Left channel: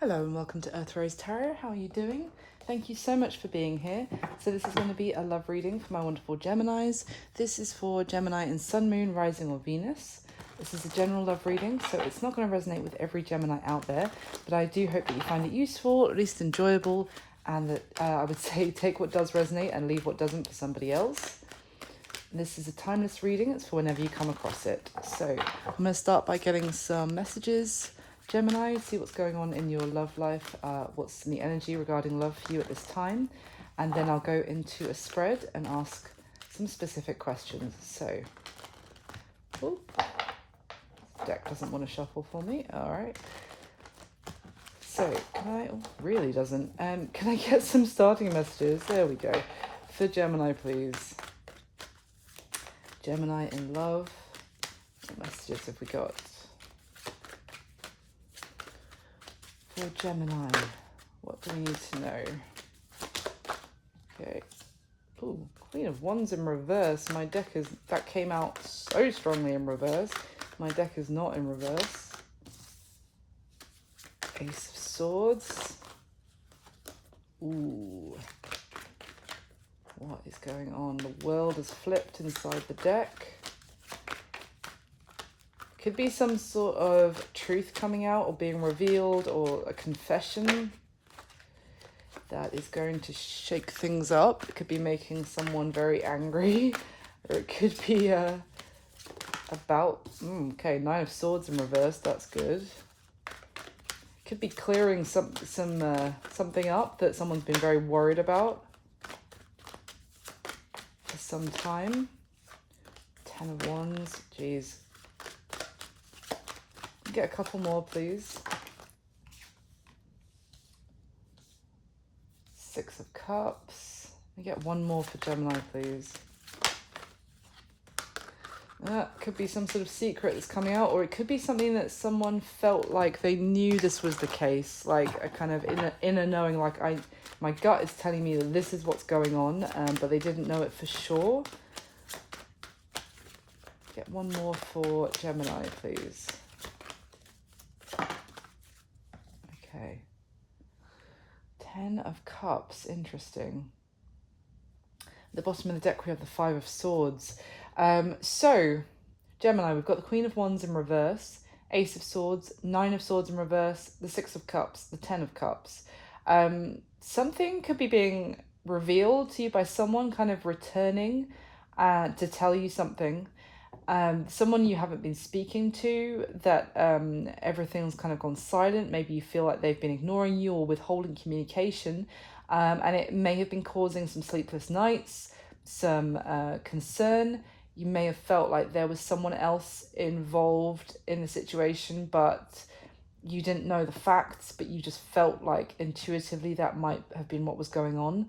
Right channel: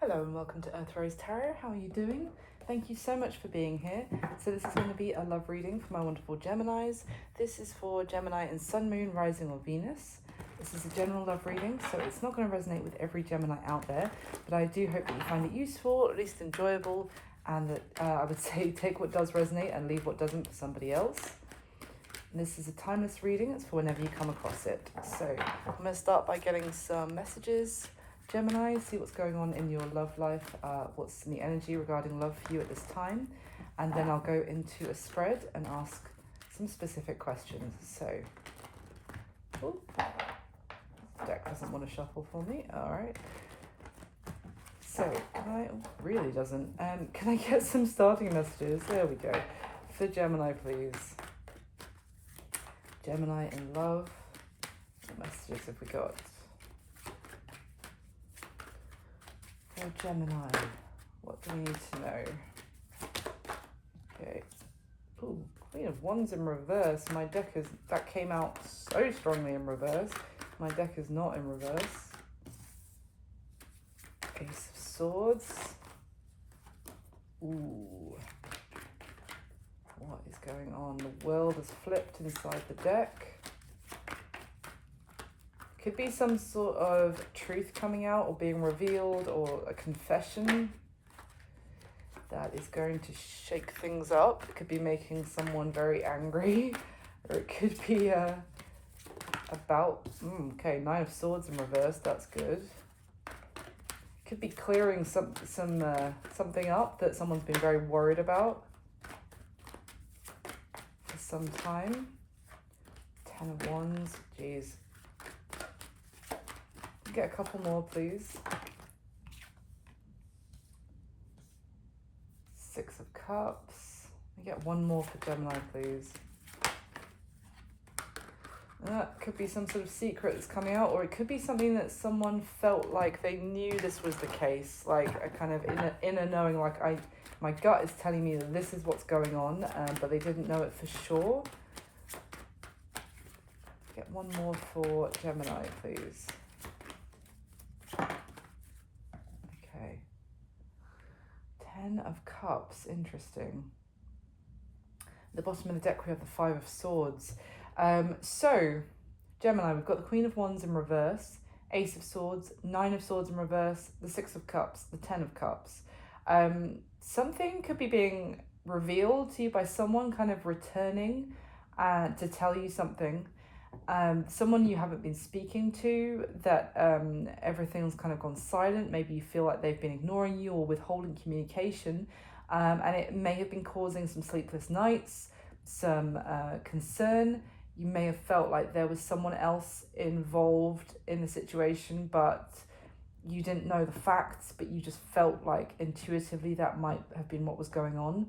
Hello and welcome to Earth Rose Tarot. How are you doing? Thank you so much for being here. So this is going to be a love reading for my wonderful Geminis. This is for Gemini and Sun, Moon, Rising or Venus. This is a general love reading, so it's not going to resonate with every Gemini out there, but I do hope that you find it useful, at least enjoyable, and that I would say take what does resonate and leave what doesn't for somebody else. This is a timeless reading. It's for whenever you come across it. So I'm going to start by getting some messages. Gemini, see what's going on in your love life, what's in the energy regarding love for you at this time, and then I'll go into a spread and ask some specific questions. So, oh, the deck doesn't want to shuffle for me. All right. So, really doesn't. Can I get some starting messages? There we go. For Gemini, please. Gemini in love. What messages have we got? For Gemini, what do we need to know? Okay. Ooh, Queen of Wands in reverse. My deck is, that came out so strongly in reverse. My deck is not in reverse. Ace of Swords. Ooh. What is going on? The world is flipped inside the deck. Could be some sort of truth coming out or being revealed, or a confession that is going to shake things up. It could be making someone very angry, or it could be about, okay, Nine of Swords in reverse, that's good. Could be clearing something up that someone's been very worried about for some time. Ten of Wands, geez. Get a couple more, please. Six of Cups. I get one more for Gemini, please. That could be some sort of secret that's coming out, or it could be something that someone felt like they knew this was the case, like a kind of inner knowing, like my gut is telling me that this is what's going on, but they didn't know it for sure. Get one more for Gemini, please. Okay. Ten of Cups, interesting. At the bottom of the deck we have the Five of Swords. So, Gemini, we've got the Queen of Wands in reverse, Ace of Swords, Nine of Swords in reverse, the Six of Cups, the Ten of Cups. Something could be being revealed to you by someone kind of returning to tell you something. Someone you haven't been speaking to, that everything's kind of gone silent. Maybe you feel like they've been ignoring you or withholding communication, and it may have been causing some sleepless nights, some concern. You may have felt like there was someone else involved in the situation, but you didn't know the facts, but you just felt like intuitively that might have been what was going on.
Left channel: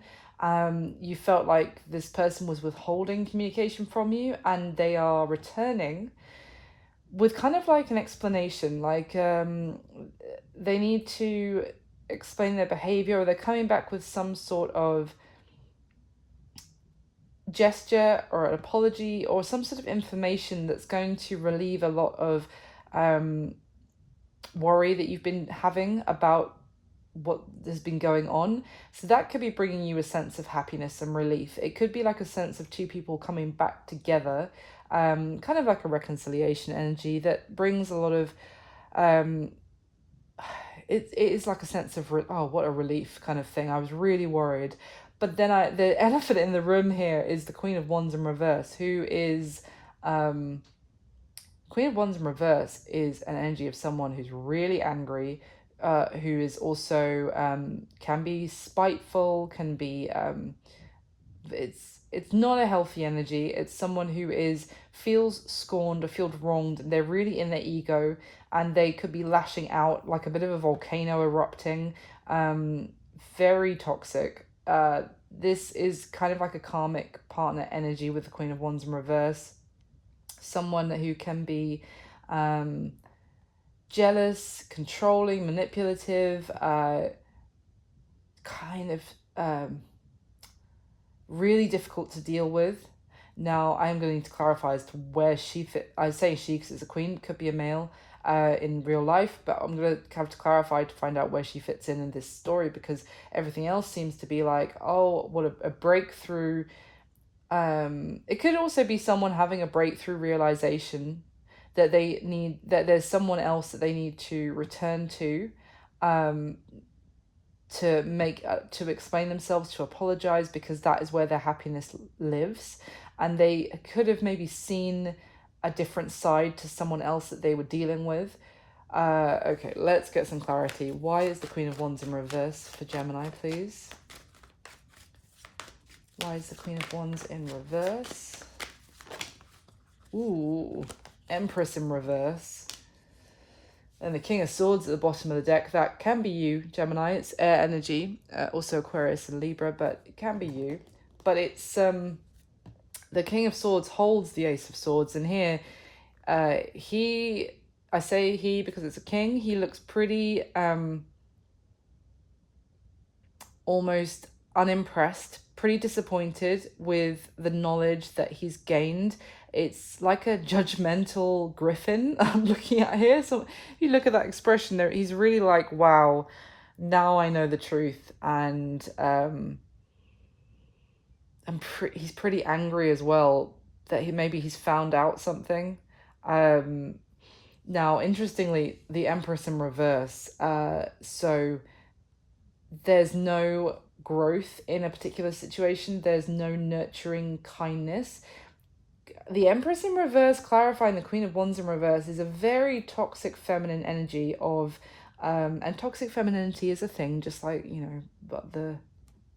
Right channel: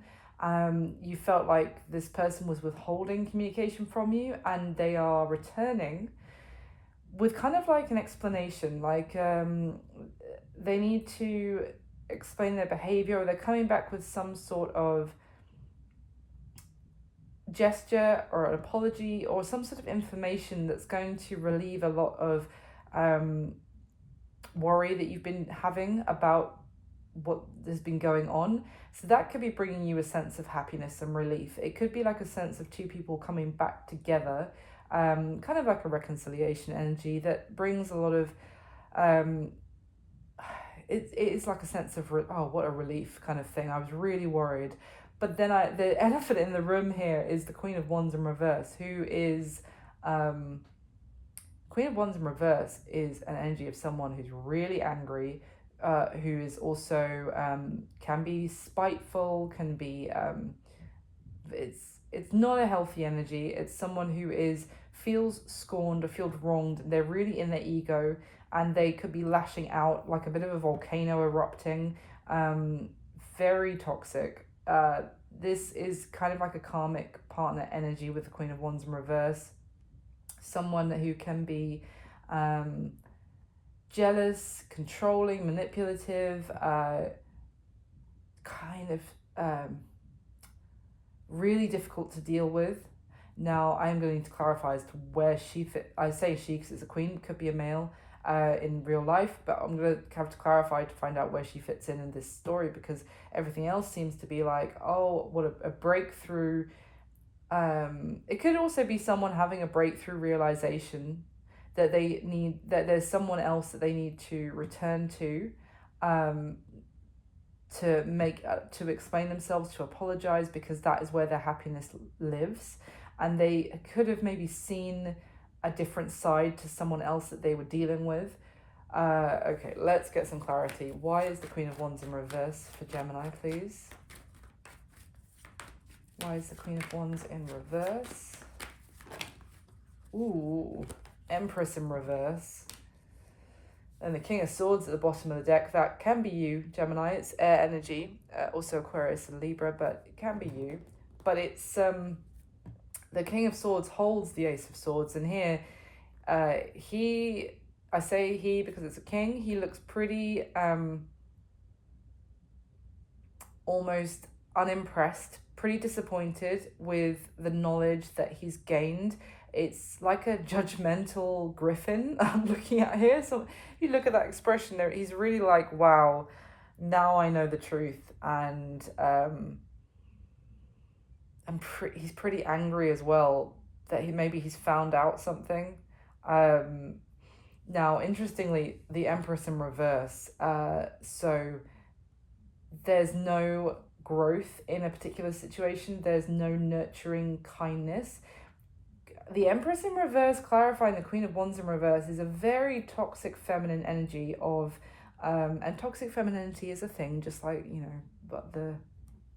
You felt like this person was withholding communication from you, and they are returning with kind of like an explanation, like they need to explain their behavior, or they're coming back with some sort of gesture or an apology or some sort of information that's going to relieve a lot of worry that you've been having about what has been going on. So that could be bringing you a sense of happiness and relief. It could be like a sense of two people coming back together, kind of like a reconciliation energy that brings a lot of it is like a sense of oh, what a relief kind of thing. I was really worried. But then the elephant in the room here is the Queen of Wands in reverse, who is Queen of Wands in reverse is an energy of someone who's really angry, who is also can be spiteful, can be it's not a healthy energy. It's someone who feels scorned or feels wronged, and they're really in their ego, and they could be lashing out like a bit of a volcano erupting, very toxic. This is kind of like a karmic partner energy with the Queen of Wands in reverse. Someone who can be jealous, controlling, manipulative, kind of really difficult to deal with. Now, I'm going to clarify as to where she fit. I say she because it's a queen, could be a male. in real life, but I'm going to have to clarify to find out where she fits in this story, because everything else seems to be like, oh, what a breakthrough. It could also be someone having a breakthrough realization that they need, that there's someone else that they need to return um, to make to explain themselves, to apologize, because that is where their happiness lives. And they could have maybe seen a different side to someone else that they were dealing with. Okay, let's get some clarity. Why is the Queen of Wands in reverse for Gemini, please? Why is the Queen of Wands in reverse? Ooh, Empress in reverse. And the King of Swords at the bottom of the deck. That can be you, Gemini. It's air energy. Also Aquarius and Libra, but it can be you. But it's the King of Swords holds the Ace of Swords. And here, I say he because it's a king. He looks pretty almost unimpressed, pretty disappointed with the knowledge that he's gained. It's like a judgmental griffin I'm looking at here. So if you look at that expression there, he's really like, wow, now I know the truth. And he's pretty angry as well that he's found out something. Now, interestingly, the Empress in reverse. So there's no growth in a particular situation. There's no nurturing kindness. The Empress in reverse, clarifying the Queen of Wands in reverse, is a very toxic feminine energy of, and toxic femininity is a thing, just like, you know, but the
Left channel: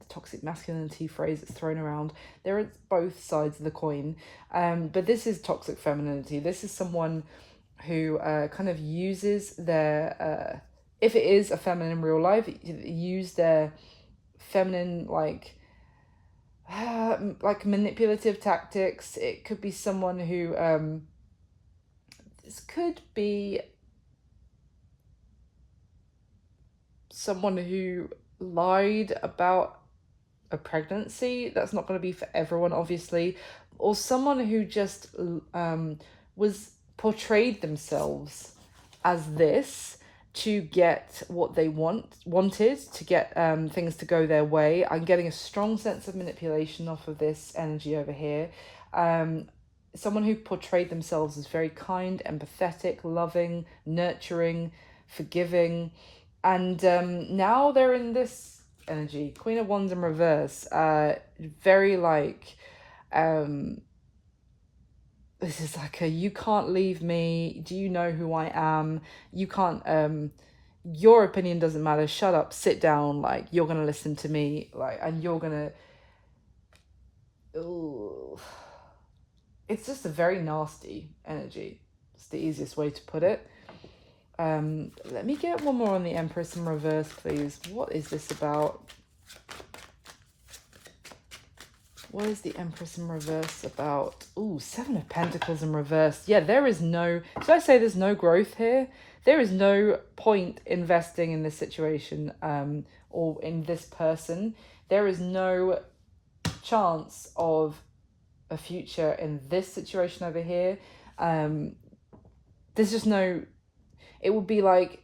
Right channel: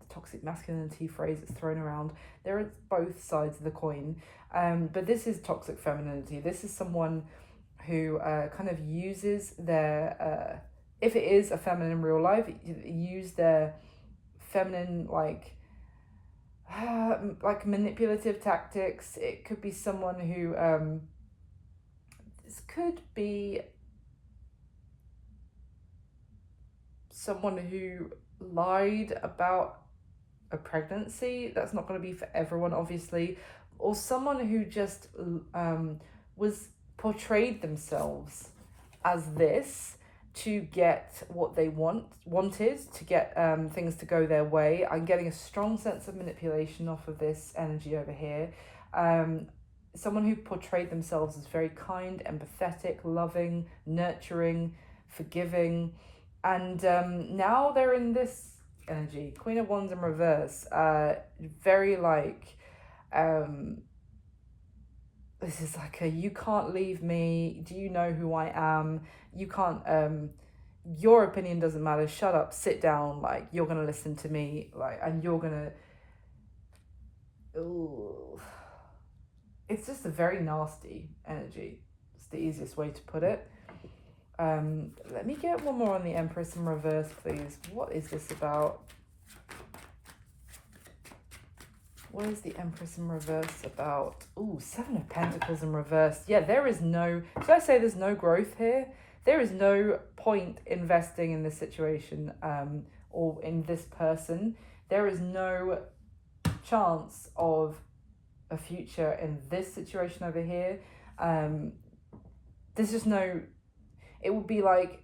toxic masculinity phrase that's thrown around. There are both sides of the coin. But this is toxic femininity. This is someone who kind of uses their, if it is a feminine in real life, use their feminine, like manipulative tactics. It could be someone who this could be someone who lied about a pregnancy. That's not going to be for everyone, obviously. Or someone who just was portrayed themselves as this to get what they wanted, to get things to go their way. I'm getting a strong sense of manipulation off of this energy over here. Someone who portrayed themselves as very kind, empathetic, loving, nurturing, forgiving, and now they're in this energy, Queen of Wands in reverse. Very like this is like a, you can't leave me, do you know who I am, you can't your opinion doesn't matter, shut up, sit down, like you're gonna listen to me, like, and you're gonna, ooh. It's just a very nasty energy. It's the easiest way to put it. Let me get one more on the Empress in reverse, please. What is this about? What is the Empress in reverse about? Ooh, Seven of Pentacles in reverse. Yeah, there is no... So I say there's no growth here. There is no point investing in this situation or in this person. There is no chance of a future in this situation over here. There's just no... It would be like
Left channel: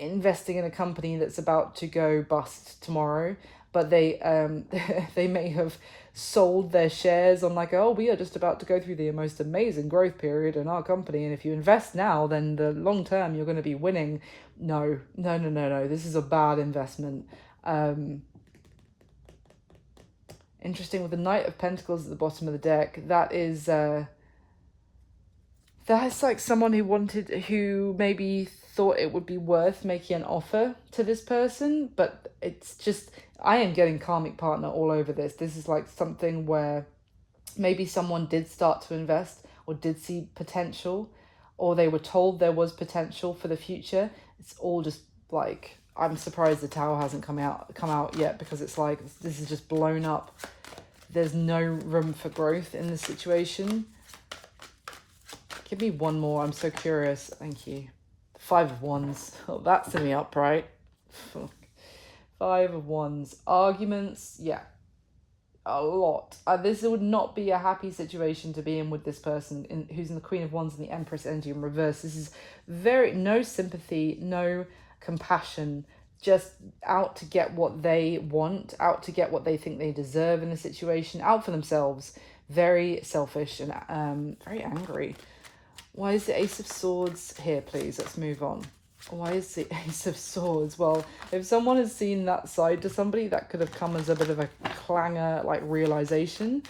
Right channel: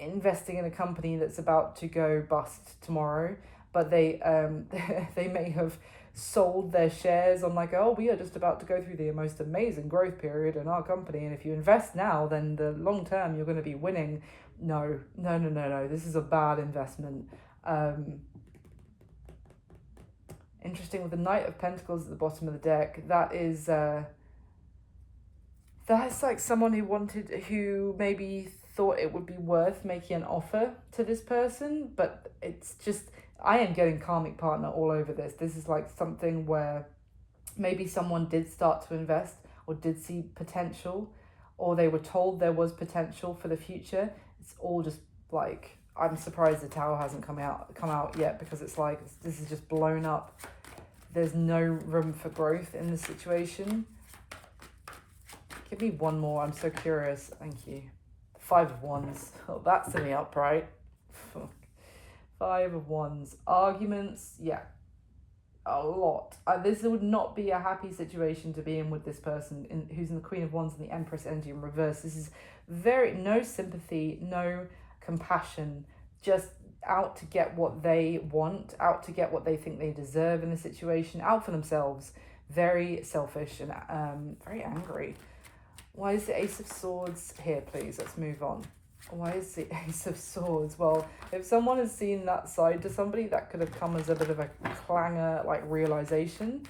investing in a company that's about to go bust tomorrow, but they they may have sold their shares on like, oh, we are just about to go through the most amazing growth period in our company, and if you invest now, then the long term you're going to be winning. No, this is a bad investment. Interesting, with the Knight of Pentacles at the bottom of the deck, that is that's like someone who maybe thought it would be worth making an offer to this person, but it's just, I am getting karmic partner all over this. This is like something where maybe someone did start to invest or did see potential, or they were told there was potential for the future. It's all just like, I'm surprised the Tower hasn't come out yet, because it's like, this is just blown up. There's no room for growth in this situation. Give me one more. I'm so curious. Thank you. Five of Wands. Oh, that's in the upright. Five of Wands. Arguments. Yeah. a lot. This would not be a happy situation to be in with this person who's in the Queen of Wands and the Empress energy in reverse. This is very, no sympathy, no compassion, just out to get what they want, out to get what they think they deserve in the situation, out for themselves. Very selfish and very angry. Why is the Ace of Swords here, please? Let's move on. Why is the Ace of Swords? Well, if someone has seen that side to somebody, that could have come as a bit of a clanger, like, realization.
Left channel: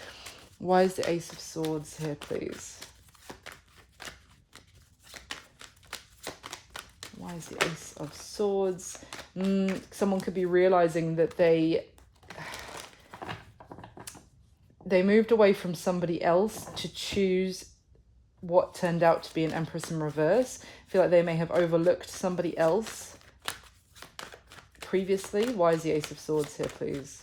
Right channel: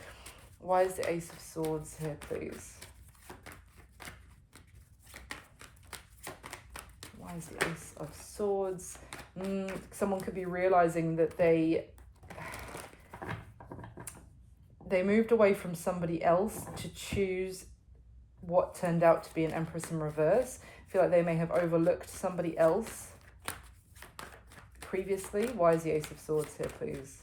Why is the Ace of Swords here, please? Why is the Ace of Swords? Someone could be realizing that they moved away from somebody else to choose what turned out to be an Empress in reverse. I feel like they may have overlooked somebody else previously. Why is the Ace of Swords here, please?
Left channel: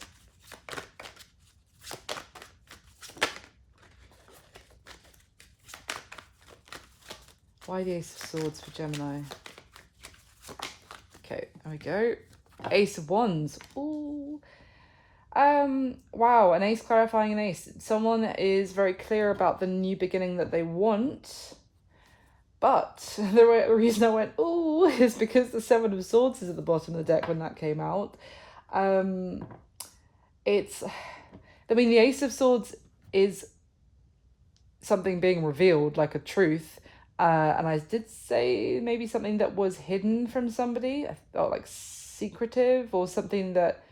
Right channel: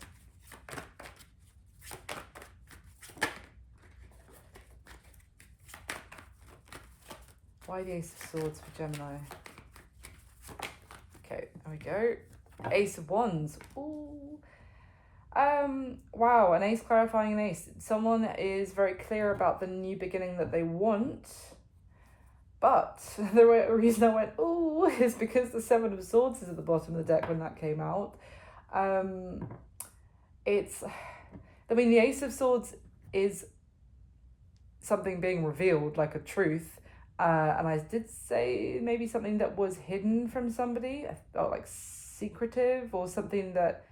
Why the Ace of Swords for Gemini? Okay, there we go. Ace of Wands. Ooh. Wow, an ace clarifying an ace. Someone is very clear about the new beginning that they want, but the reason I went ooh is because the Seven of Swords is at the bottom of the deck when that came out. The Ace of Swords is something being revealed, like a truth, and I did say maybe something that was hidden from somebody, or like secretive, or something that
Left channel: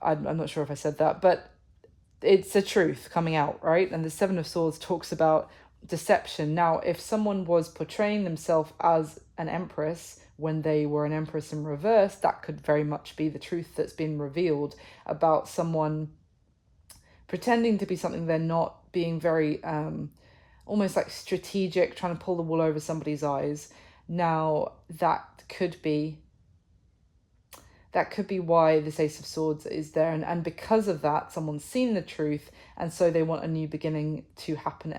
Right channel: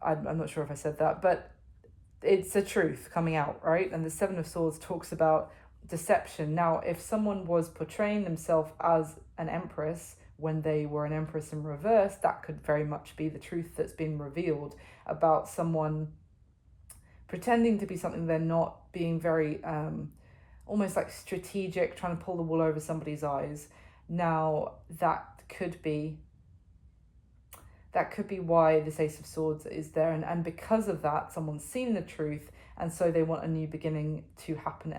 I'm not sure if I said that, but it's a truth coming out, right? And the Seven of Swords talks about deception. Now, if someone was portraying themselves as an empress when they were an empress in reverse, that could very much be the truth that's been revealed about someone pretending to be something they're not, being very almost like strategic, trying to pull the wool over somebody's eyes. Now, that could be why this Ace of Swords is there, and because of that, someone's seen the truth, and so they want a new beginning to happen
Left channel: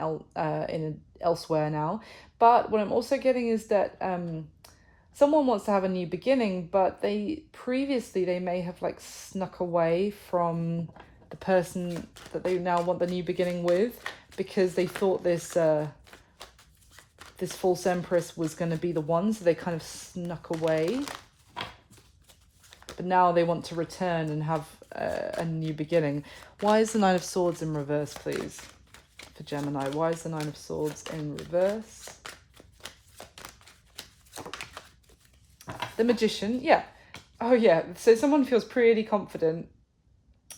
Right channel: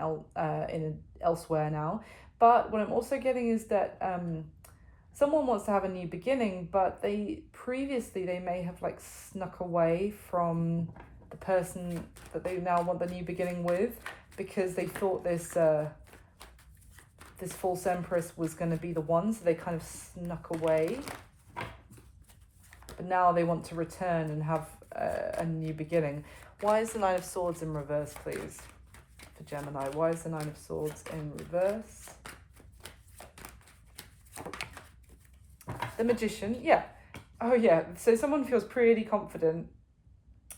elsewhere now. But what I'm also getting is that someone wants to have a new beginning, but they may have like snuck away from the person that they now want the new beginning with, because they thought this false empress was going to be the one, so they kind of snuck away. But now they want to return and have a new beginning. Why is the Nine of Swords in reverse, please, for Gemini? Why is the Nine of Swords in reverse? The Magician, yeah. Oh, yeah. So someone feels pretty confident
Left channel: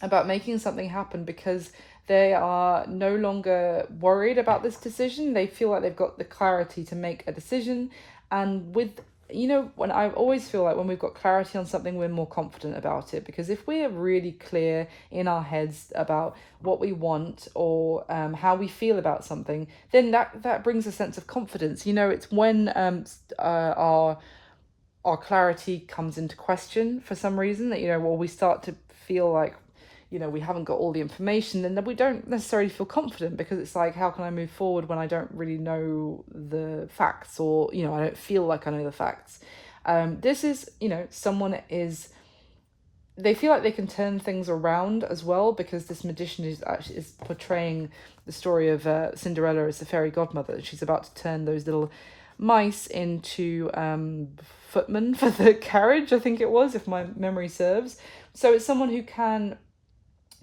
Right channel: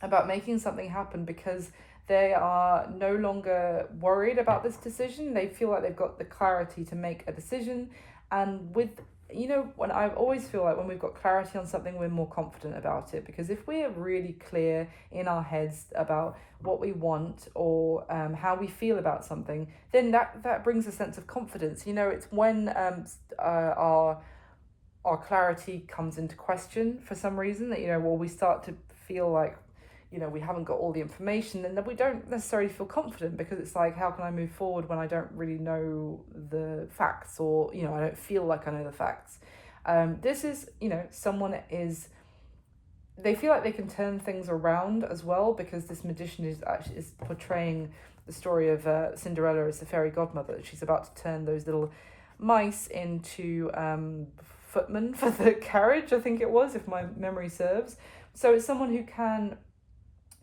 about making something happen because they are no longer worried about this decision. They feel like they've got the clarity to make a decision. And when I always feel like when we've got clarity on something, we're more confident about it, because if we are really clear in our heads about what we want or how we feel about something, then that brings a sense of confidence. It's when our clarity comes into question for some reason, that we start to feel like we haven't got all the information, then we don't necessarily feel confident, because it's like, how can I move forward when I don't really know the facts, or I don't feel like I know the facts. This is someone they feel like they can turn things around as well, because this Magician is portraying the story of Cinderella as the fairy godmother. She's about to turn those little mice into footmen for the carriage, I think it was, if my memory serves. So it's someone who can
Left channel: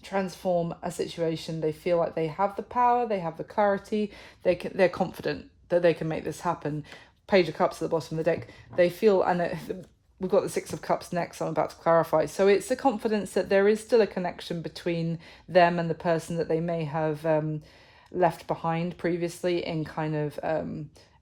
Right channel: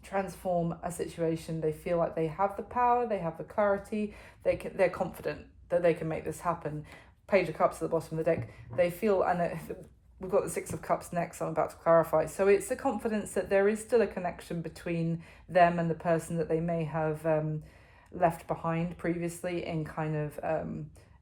transform a situation. They feel like they have the power, they have the clarity, they're confident that they can make this happen. Page of Cups at the bottom of the deck. They feel, and we've got the Six of Cups next, I'm about to clarify. So it's the confidence that there is still a connection between them and the person that they may have left behind previously in kind of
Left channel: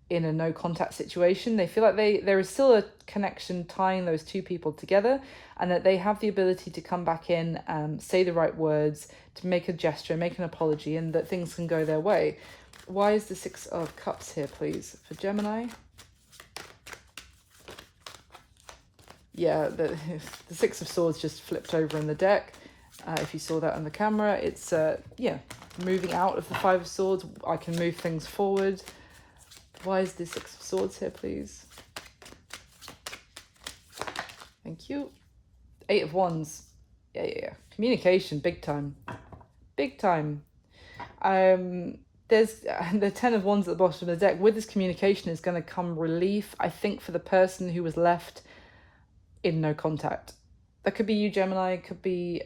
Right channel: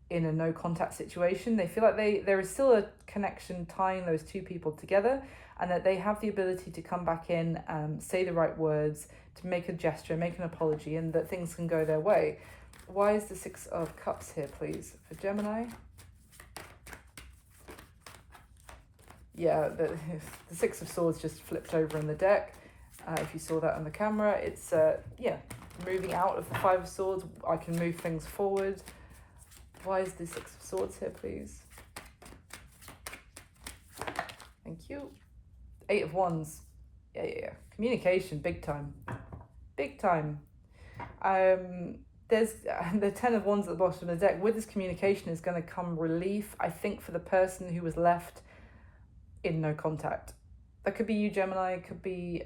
in a no contact situation. They feel like there is still a connection tying those two people together, and that they have the ability to come back in, say the right words, to make a gesture, make an apology, and that things can go their way. Why is the Six of Cups here, please, for Gemini? Yeah, the Six of Swords just flipped over in the deck. If you saw that on the camera, it's moving out of the Five of Swords. I can move things forward. Why is the Six of Swords here, please? Thank you. Eight of Wands. Yeah. Communication, big time. big time. There's the 10 of Wands at the bottom of the deck. With this communication is going to come relief, I think, for the person who was left in no contact. That could be you, Gemini. It could be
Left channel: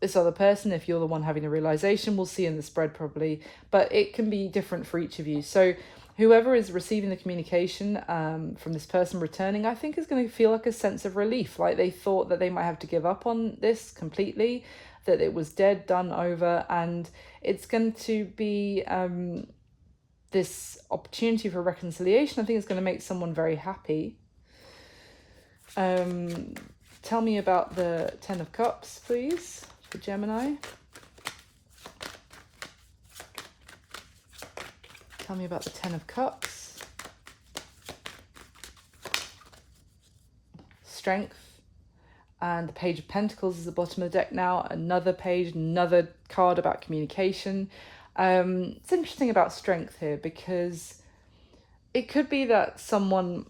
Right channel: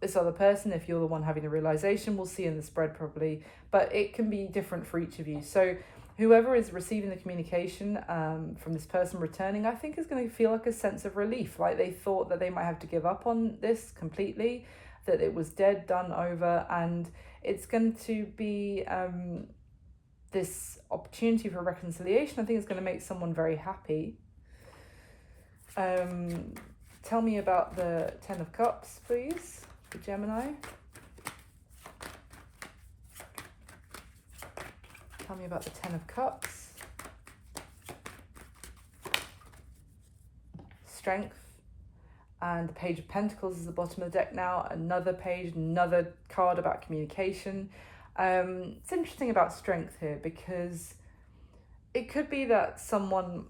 this other person. If you're the one having the realization, we'll see in the spread probably. But it can be different for each of you. So whoever is receiving the communication from this person returning, I think is going to feel like a sense of relief. Like they thought that they might have to give up on this completely, that it was dead, done, over, and it's going to be this opportunity for reconciliation. I think it's going to make someone very happy. Tell me about the 10 of Cups, please, for Gemini. Tell me about the 10 of Cups. Strength. And the Page of Pentacles is the bottom of the deck now. Another page, another card about communication. It's interesting about strength here, because it could be that someone,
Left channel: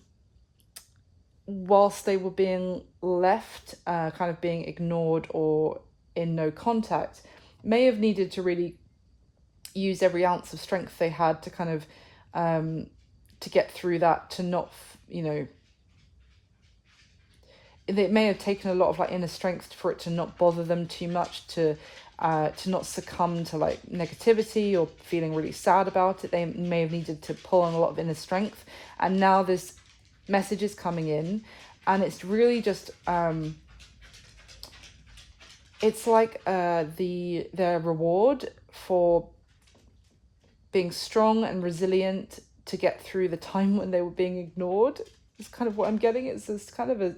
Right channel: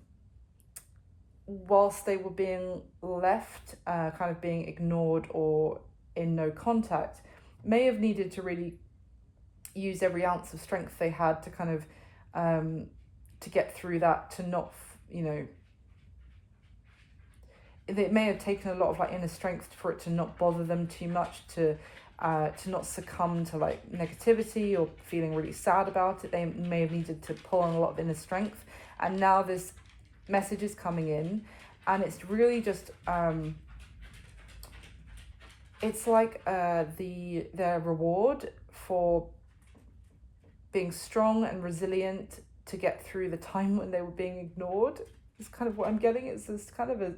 whilst they were being left, kind of being ignored or in no contact, may have needed to really use every ounce of strength they had to kind of to get through that, to not, you know, it may have taken a lot of like inner strength for it to not bother them too much, to not succumb to like negativity or feeling really sad about it. They may have needed to pull on a lot of inner strength, and now this message is coming in, and it's really just it's like the reward for being strong and resilient to get through the time when they were being ignored. It's kind of what I'm getting. It's this kind of a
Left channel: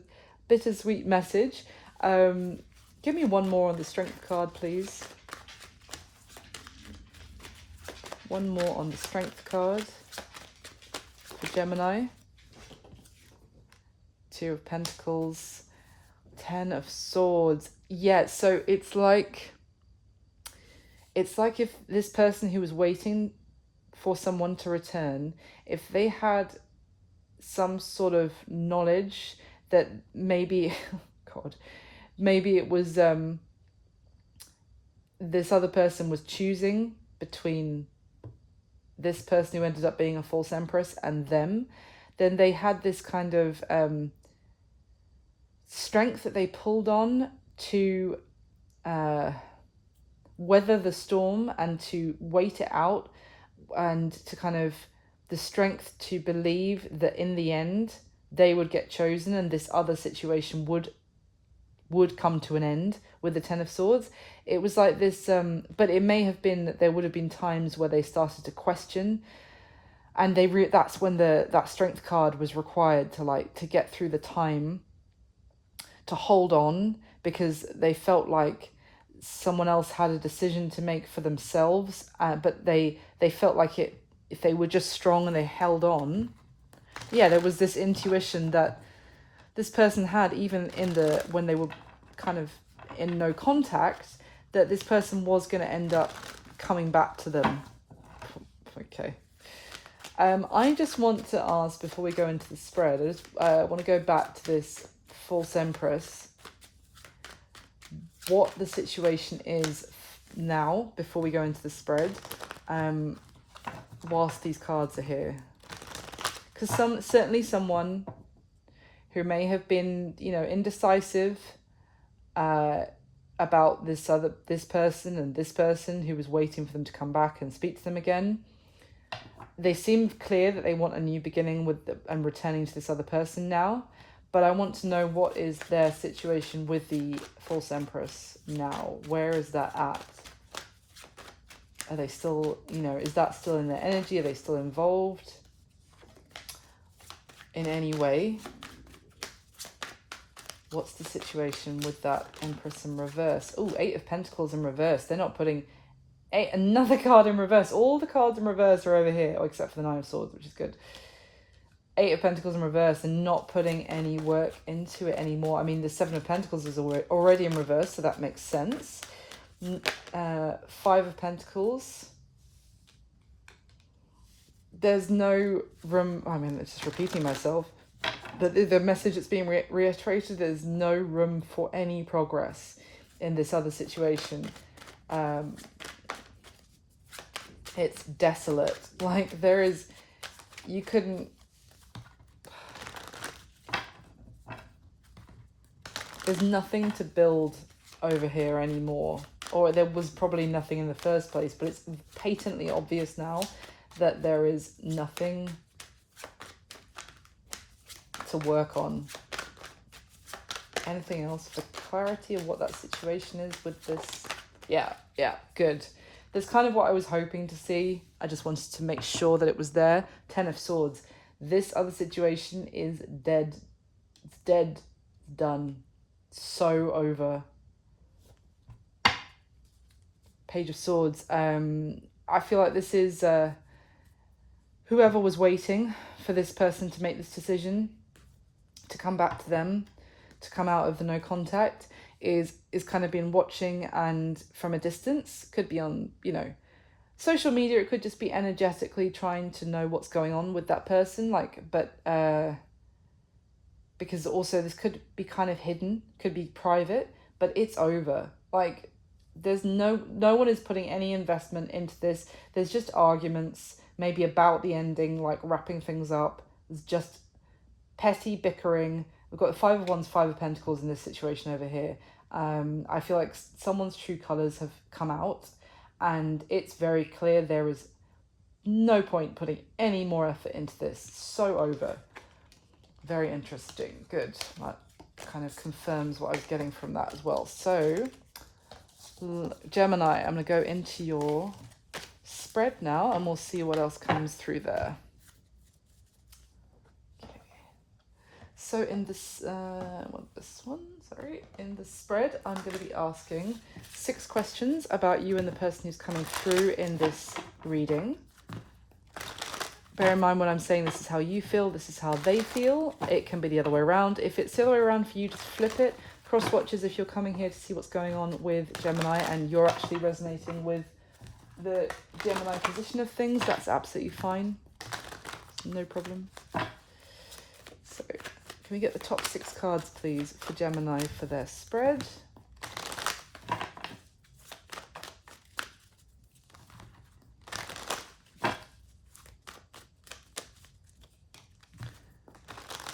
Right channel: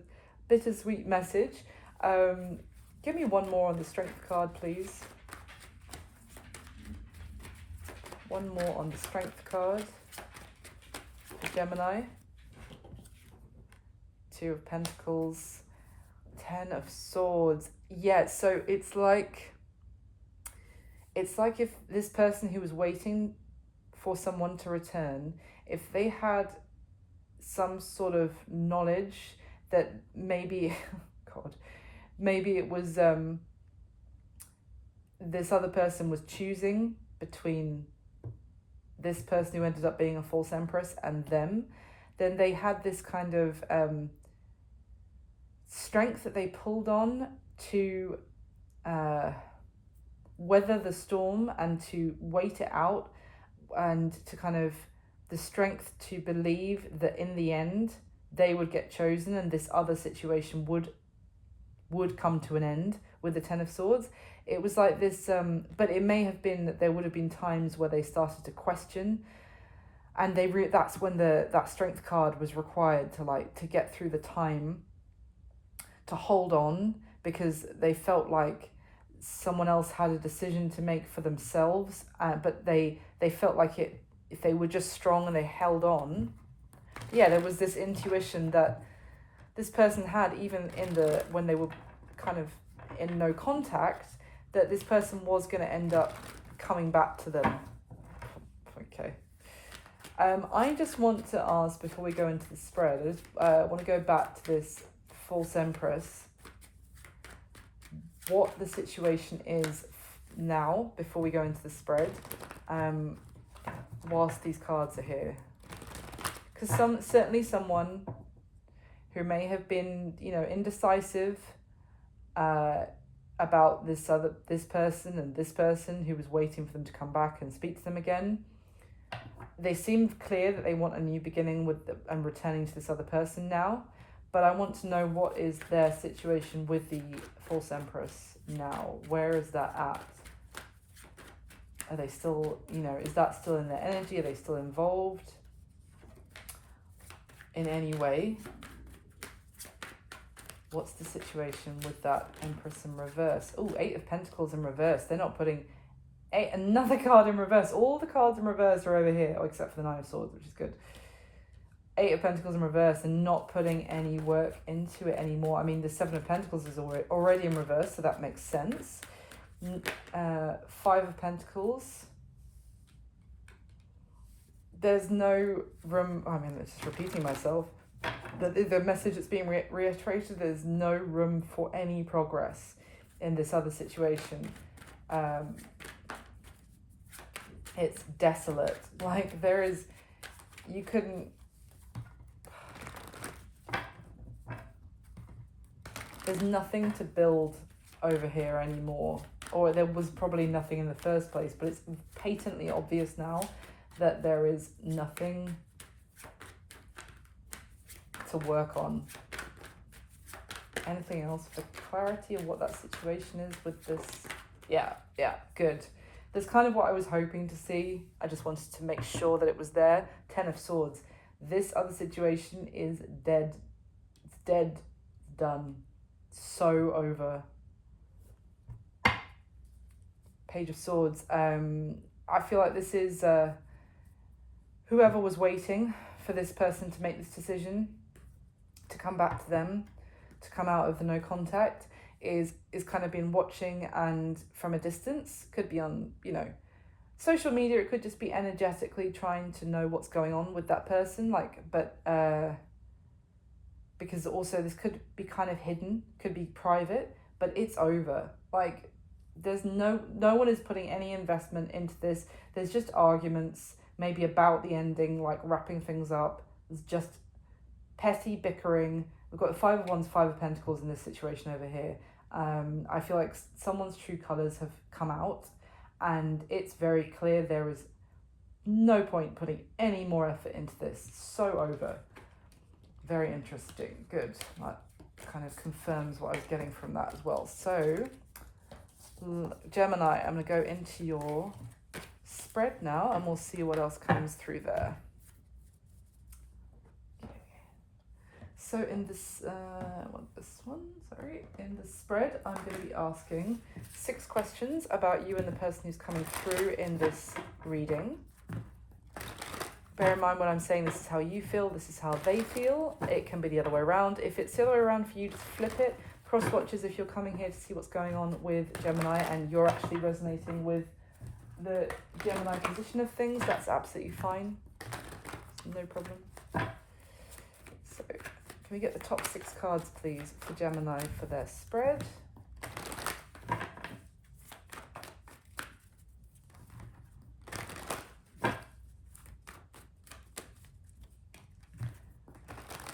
bittersweet message. Give me one more on the strength card, please. One more on the strength card for Gemini. 2 of Pentacles, 10 of Swords. Yeah, so it's like if this person who was waiting for someone to return, if they had some sort of knowledge that maybe, God, maybe it was this other person was choosing between this person who ended up being a false empress and them, then they had this kind of strength that they pulled on to weather the storm and to wait it out, and to kind of the strength to believe that in the end they would get chosen and this other situation would come to an end with the 10 of Swords. It was like this, but it may have been that there would have been times where they started to question, and that's when that strength card was required to get through the time, to hold on, because they felt like someone else had a decision to make for themselves, but they felt like if they were just strong and they held on. Yeah, there was this intuition that this person had, even when they were kind of in no contact, that this person was going to end up coming back to them. Okay. I just want to ask, before we go into the spread, I want to go back to this false empress, what the situation is now before we go into the spread, whilst these cards are here. Because certainly someone who may have been, you know, indecisive about this person and this person who was waiting for them to come back and speak to them again. They seemed clear that they want a new beginning and returning to this other person now. But I want to know, what is their situation with the false empress now? Where is that at? Are they still, you know, is that still in their energy? Are they still involved in any way? What's the situation with that Empress in reverse? Oh, 8 of Pentacles in reverse. They're not putting another card in reverse. All the cards in reverse are over here, except for the 9 of Swords, which is good. 8 of Pentacles in reverse, and not putting any work into it anymore. I mean, the 7 of Pentacles is already in reverse, so that makes sense. 5 of Pentacles. There's no room. I mean, it's just repeating myself. But the message that's being reiterated, there's no room for any progress in this other situation. It's desolate. Like there is, you couldn't, there's nothing to build over here anymore, or there was probably nothing in the first place, but it's patently obvious now that there is nothing to work on. Anything else for clarity of what that situation is with this? Yeah, good. That's kind of what I was hoping to see. I just wanted to make sure that it was there. 10 of Swords. This other situation is dead. It's dead. Done. So over. Page of Swords. I feel like this is whoever was waiting for this person to make this decision, to come back to them, to come out of the no contact, is kind of been watching, and from a distance, could be on, you know, social media, it could just be energetically trying to know what's going on with that person, like, but because also this could be kind of hidden, could be private, but it's over. Like there's no one is putting any investment into this. There's just arguments maybe about the ending, like wrapping things up. There's just petty bickering. We've got the Five of Wands, Five of Pentacles in this situation over here. I feel like someone's true colours have come out, and it's very clear there is no point putting any more effort into this. So over. Very interesting. Good. That kind of confirms what I was getting from that as well. So, Gemini, I'm going to go into your spread now, and we'll see what else comes through there. So in this, in the spread, I'm going to be asking 6 questions about you and the person who's coming through in this reading. Bear in mind when I'm saying this is how you feel, this is how they feel. It can be the other way around. If it's the other way around for you, just flip it. Cross watches if you're coming here to see what's going on with Gemini and you're actually resonating with the Gemini position of things, that's absolutely fine. No problem. So, can we get the top 6 cards, please, for Gemini for their spread?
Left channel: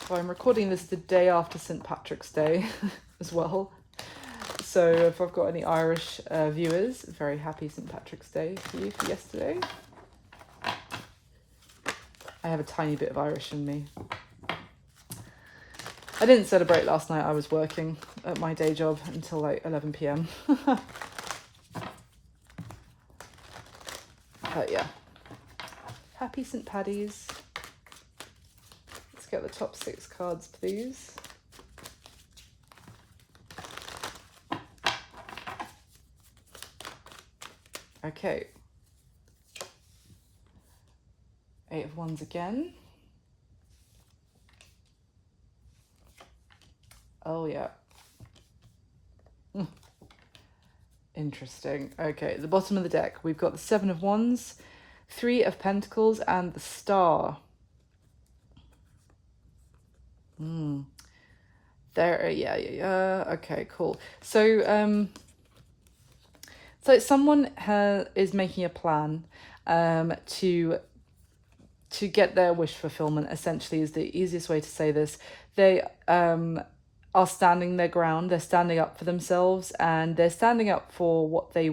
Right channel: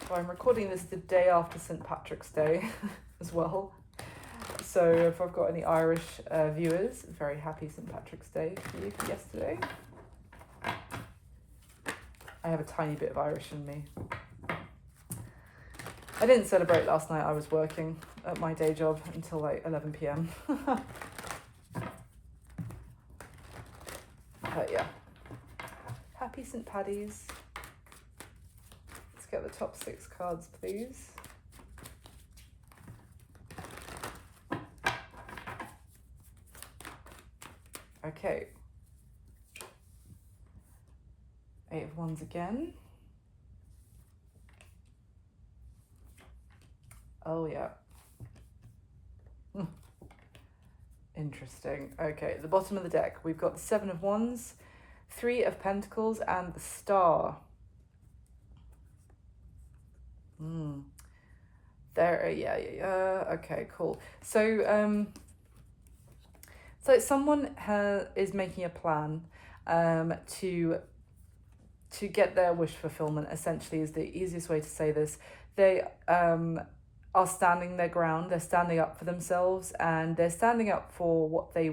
So I'm recording this the day after St. Patrick's Day as well. So if I've got any Irish viewers, very happy St. Patrick's Day for you for yesterday. I have a tiny bit of Irish in me. I didn't celebrate last night. I was working at my day job until like 11 p.m. But yeah, happy St. Paddy's. Let's get the top 6 cards, please. Okay. 8 of Wands again. Oh yeah. Interesting. Okay, at the bottom of the deck, we've got the 7 of Wands, 3 of Pentacles, and the Star. There, yeah. Okay, cool. So, so someone is making a plan to get their wish fulfillment, essentially, is the easiest way to say this. They are standing their ground. They're standing up for themselves, and they're standing up for what they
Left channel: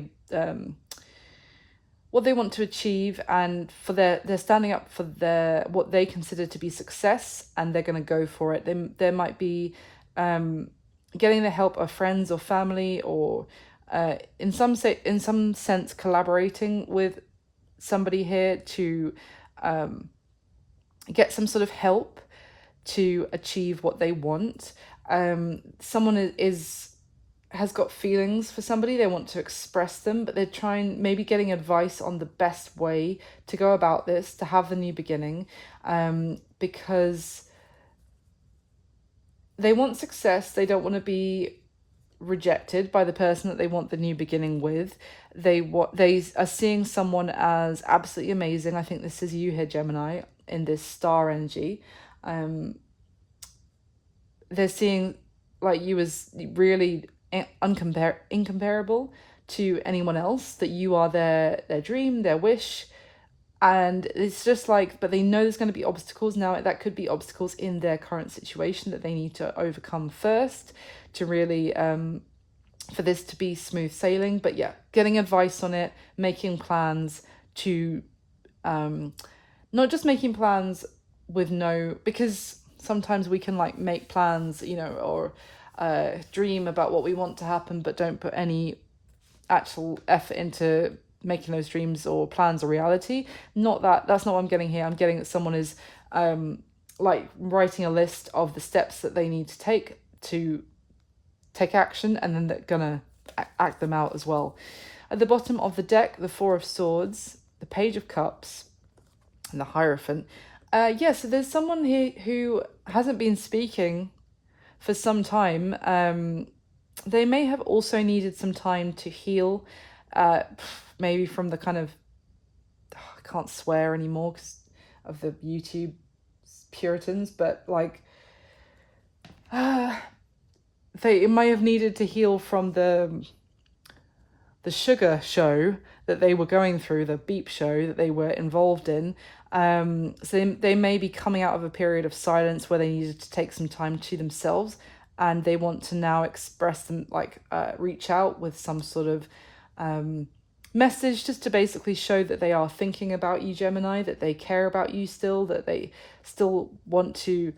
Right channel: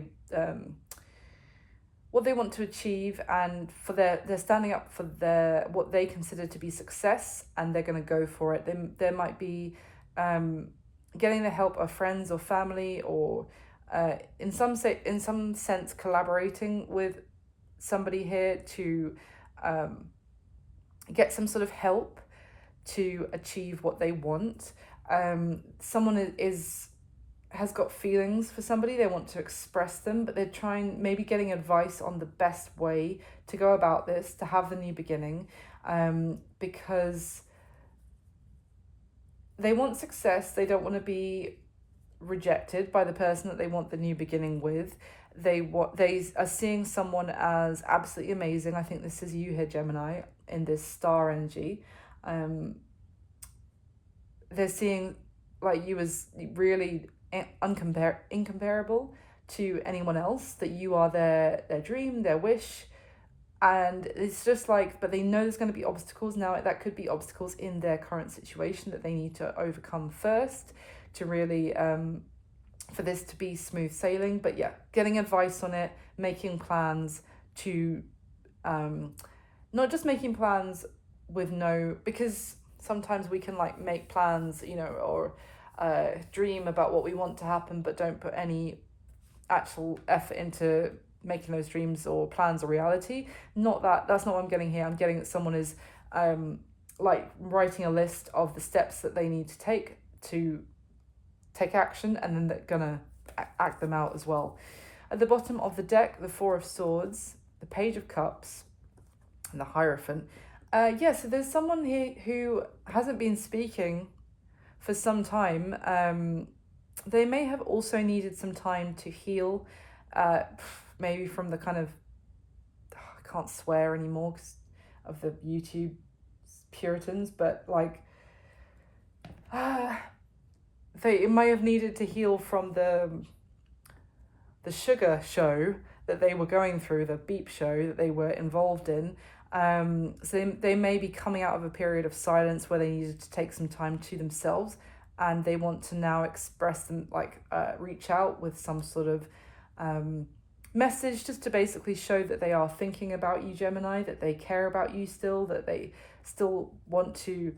want to achieve, and for they're standing up for what they consider to be success, and they're going to go for it. There might be getting the help of friends or family, or in some sense collaborating with somebody here to get some sort of help to achieve what they want. Someone has got feelings for somebody, they want to express them, but they're maybe getting advice on the best way to go about this, to have the new beginning, because they want success. They don't want to be rejected by the person that they want the new beginning with. They are seeing someone as absolutely amazing. I think this is you here, Gemini, in this star energy. They're seeing like you as really incomparable to anyone else, that you are their dream, their wish. And it's just like, but they know there's going to be obstacles. Now that could be obstacles in their current situation that they need to overcome first to really for this to be smooth sailing. But yeah, getting advice on it, making plans to not just making plans with no, because sometimes we can like make plans, you know, or dream about what we want to happen, but don't put any actual effort into making those dreams or plans a reality. Not that, that's not what I'm getting here. I'm getting that someone is like writing a list of the steps that they need to take action, and then they're gonna act them out as well. At the bottom of the deck, the Four of Swords, the Page of Cups, and the Hierophant. Yeah, so there's someone here who hasn't been speaking for some time. They may have also needed some time to heal, maybe from the kind of, I can't swear anymore because of the YouTube Puritans, but like, they may have needed to heal from the sugar show that they were going through, the beep show that they were involved in. So they may be coming out of a period of silence where they needed to take some time to themselves, and they want to now express them, like reach out with some sort of message, just to basically show that they are thinking about you, Gemini, that they care about you still, that they still want to,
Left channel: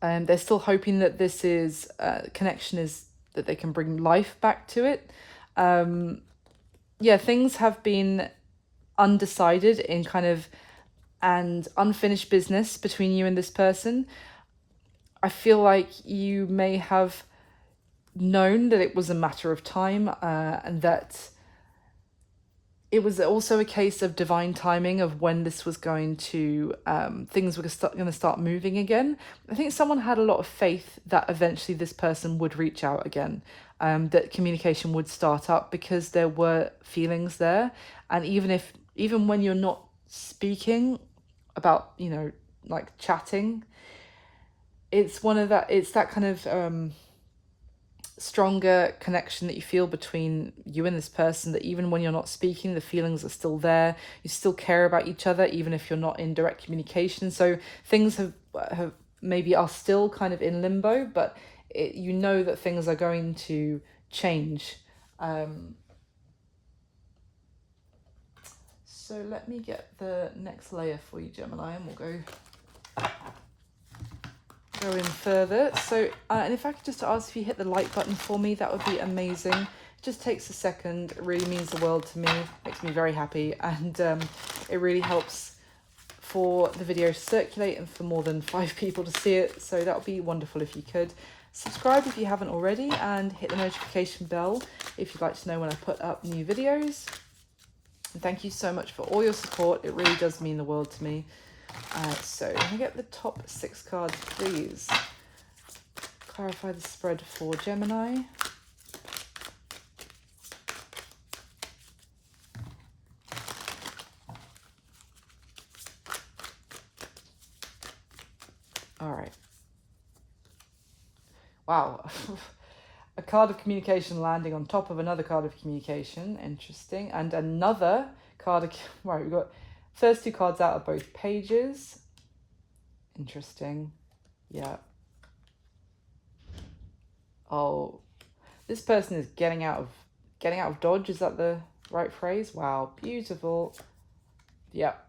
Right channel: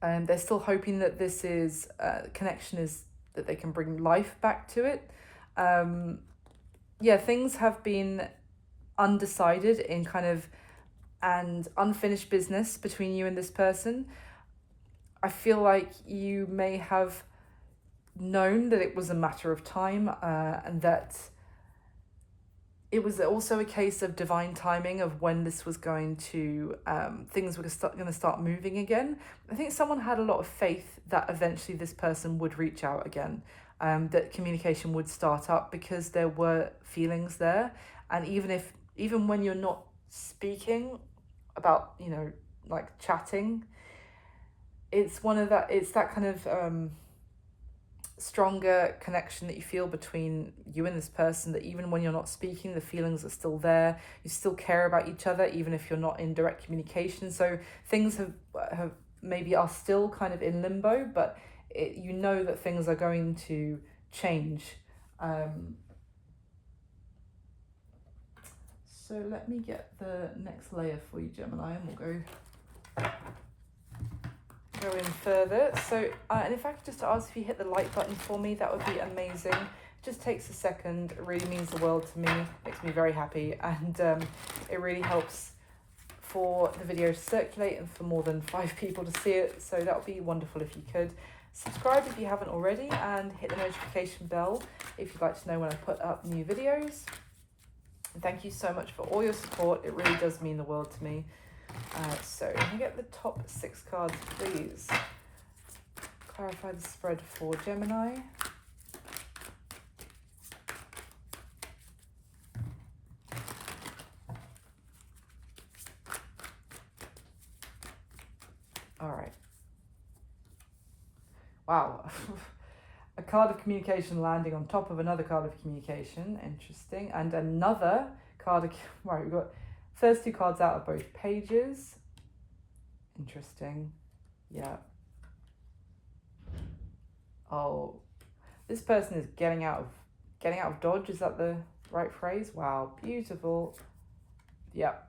and they're still hoping that this is connection is that they can bring life back to it. Yeah, things have been undecided in kind of and unfinished business between you and this person. I feel like you may have known that it was a matter of time, and that it was also a case of divine timing of when this was going to, things were going to start moving again. I think someone had a lot of faith that eventually this person would reach out again, that communication would start up, because there were feelings there. And even when you're not speaking about, you know, like chatting, it's that kind of stronger connection that you feel between you and this person, that even when you're not speaking, the feelings are still there. You still care about each other even if you're not in direct communication. So things have maybe are still kind of in limbo, but you know that things are going to change. So let me get the next layer for you, Gemini, and we'll go in further. So and if I could just ask if you hit the like button for me, that would be amazing. It just takes a second. It really means the world to me, makes me very happy, and it really helps for the video to circulate and for more than 5 people to see it. So that would be wonderful if you could. Subscribe if you haven't already, and hit the notification bell if you'd like to know when I put up new videos. And thank you so much for all your support. It really does mean the world to me. So can I get the top 6 cards, please? Clarify the spread for Gemini. All right. Wow. A card of communication landing on top of another card of communication. Interesting. And another card of... Right, we've got first 2 cards out of both pages. Interesting. Yeah. Oh, this person is getting out of dodge. Is that the right phrase? Wow, beautiful. Yep.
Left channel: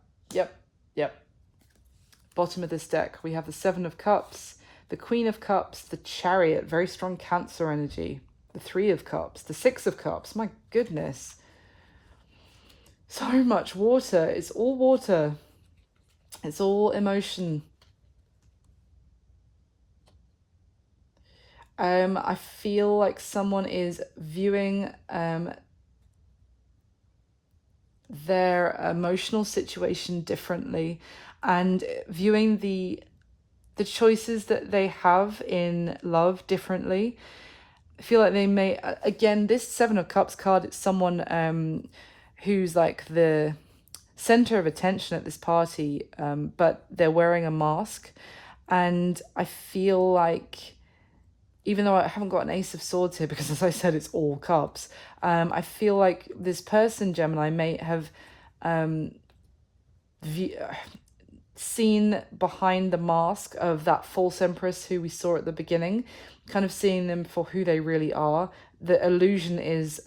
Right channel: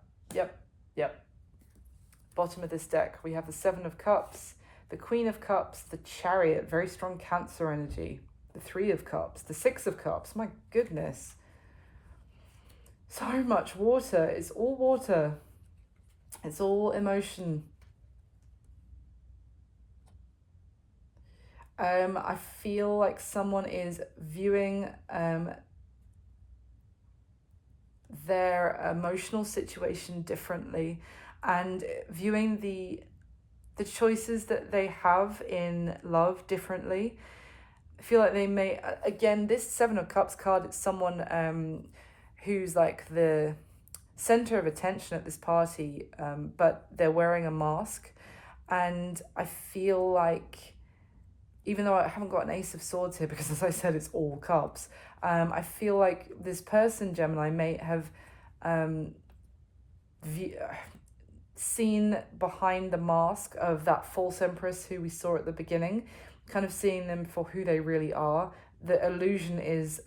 Bottom of this deck, we have the 7 of Cups, the Queen of Cups, the Chariot, very strong Cancer energy, the 3 of Cups, the 6 of Cups. My goodness. So much water. It's all water. It's all emotion. I feel like someone is viewing their emotional situation differently, and viewing the choices that they have in love differently. I feel like they may, again, this 7 of Cups card, it's someone who's like the center of attention at this party, but they're wearing a mask, and I feel like even though I haven't got an Ace of Swords here, because as I said, it's all cups, I feel like this person, Gemini, may have um, seen behind the mask of that false empress who we saw at the beginning, kind of seeing them for who they really are. The illusion is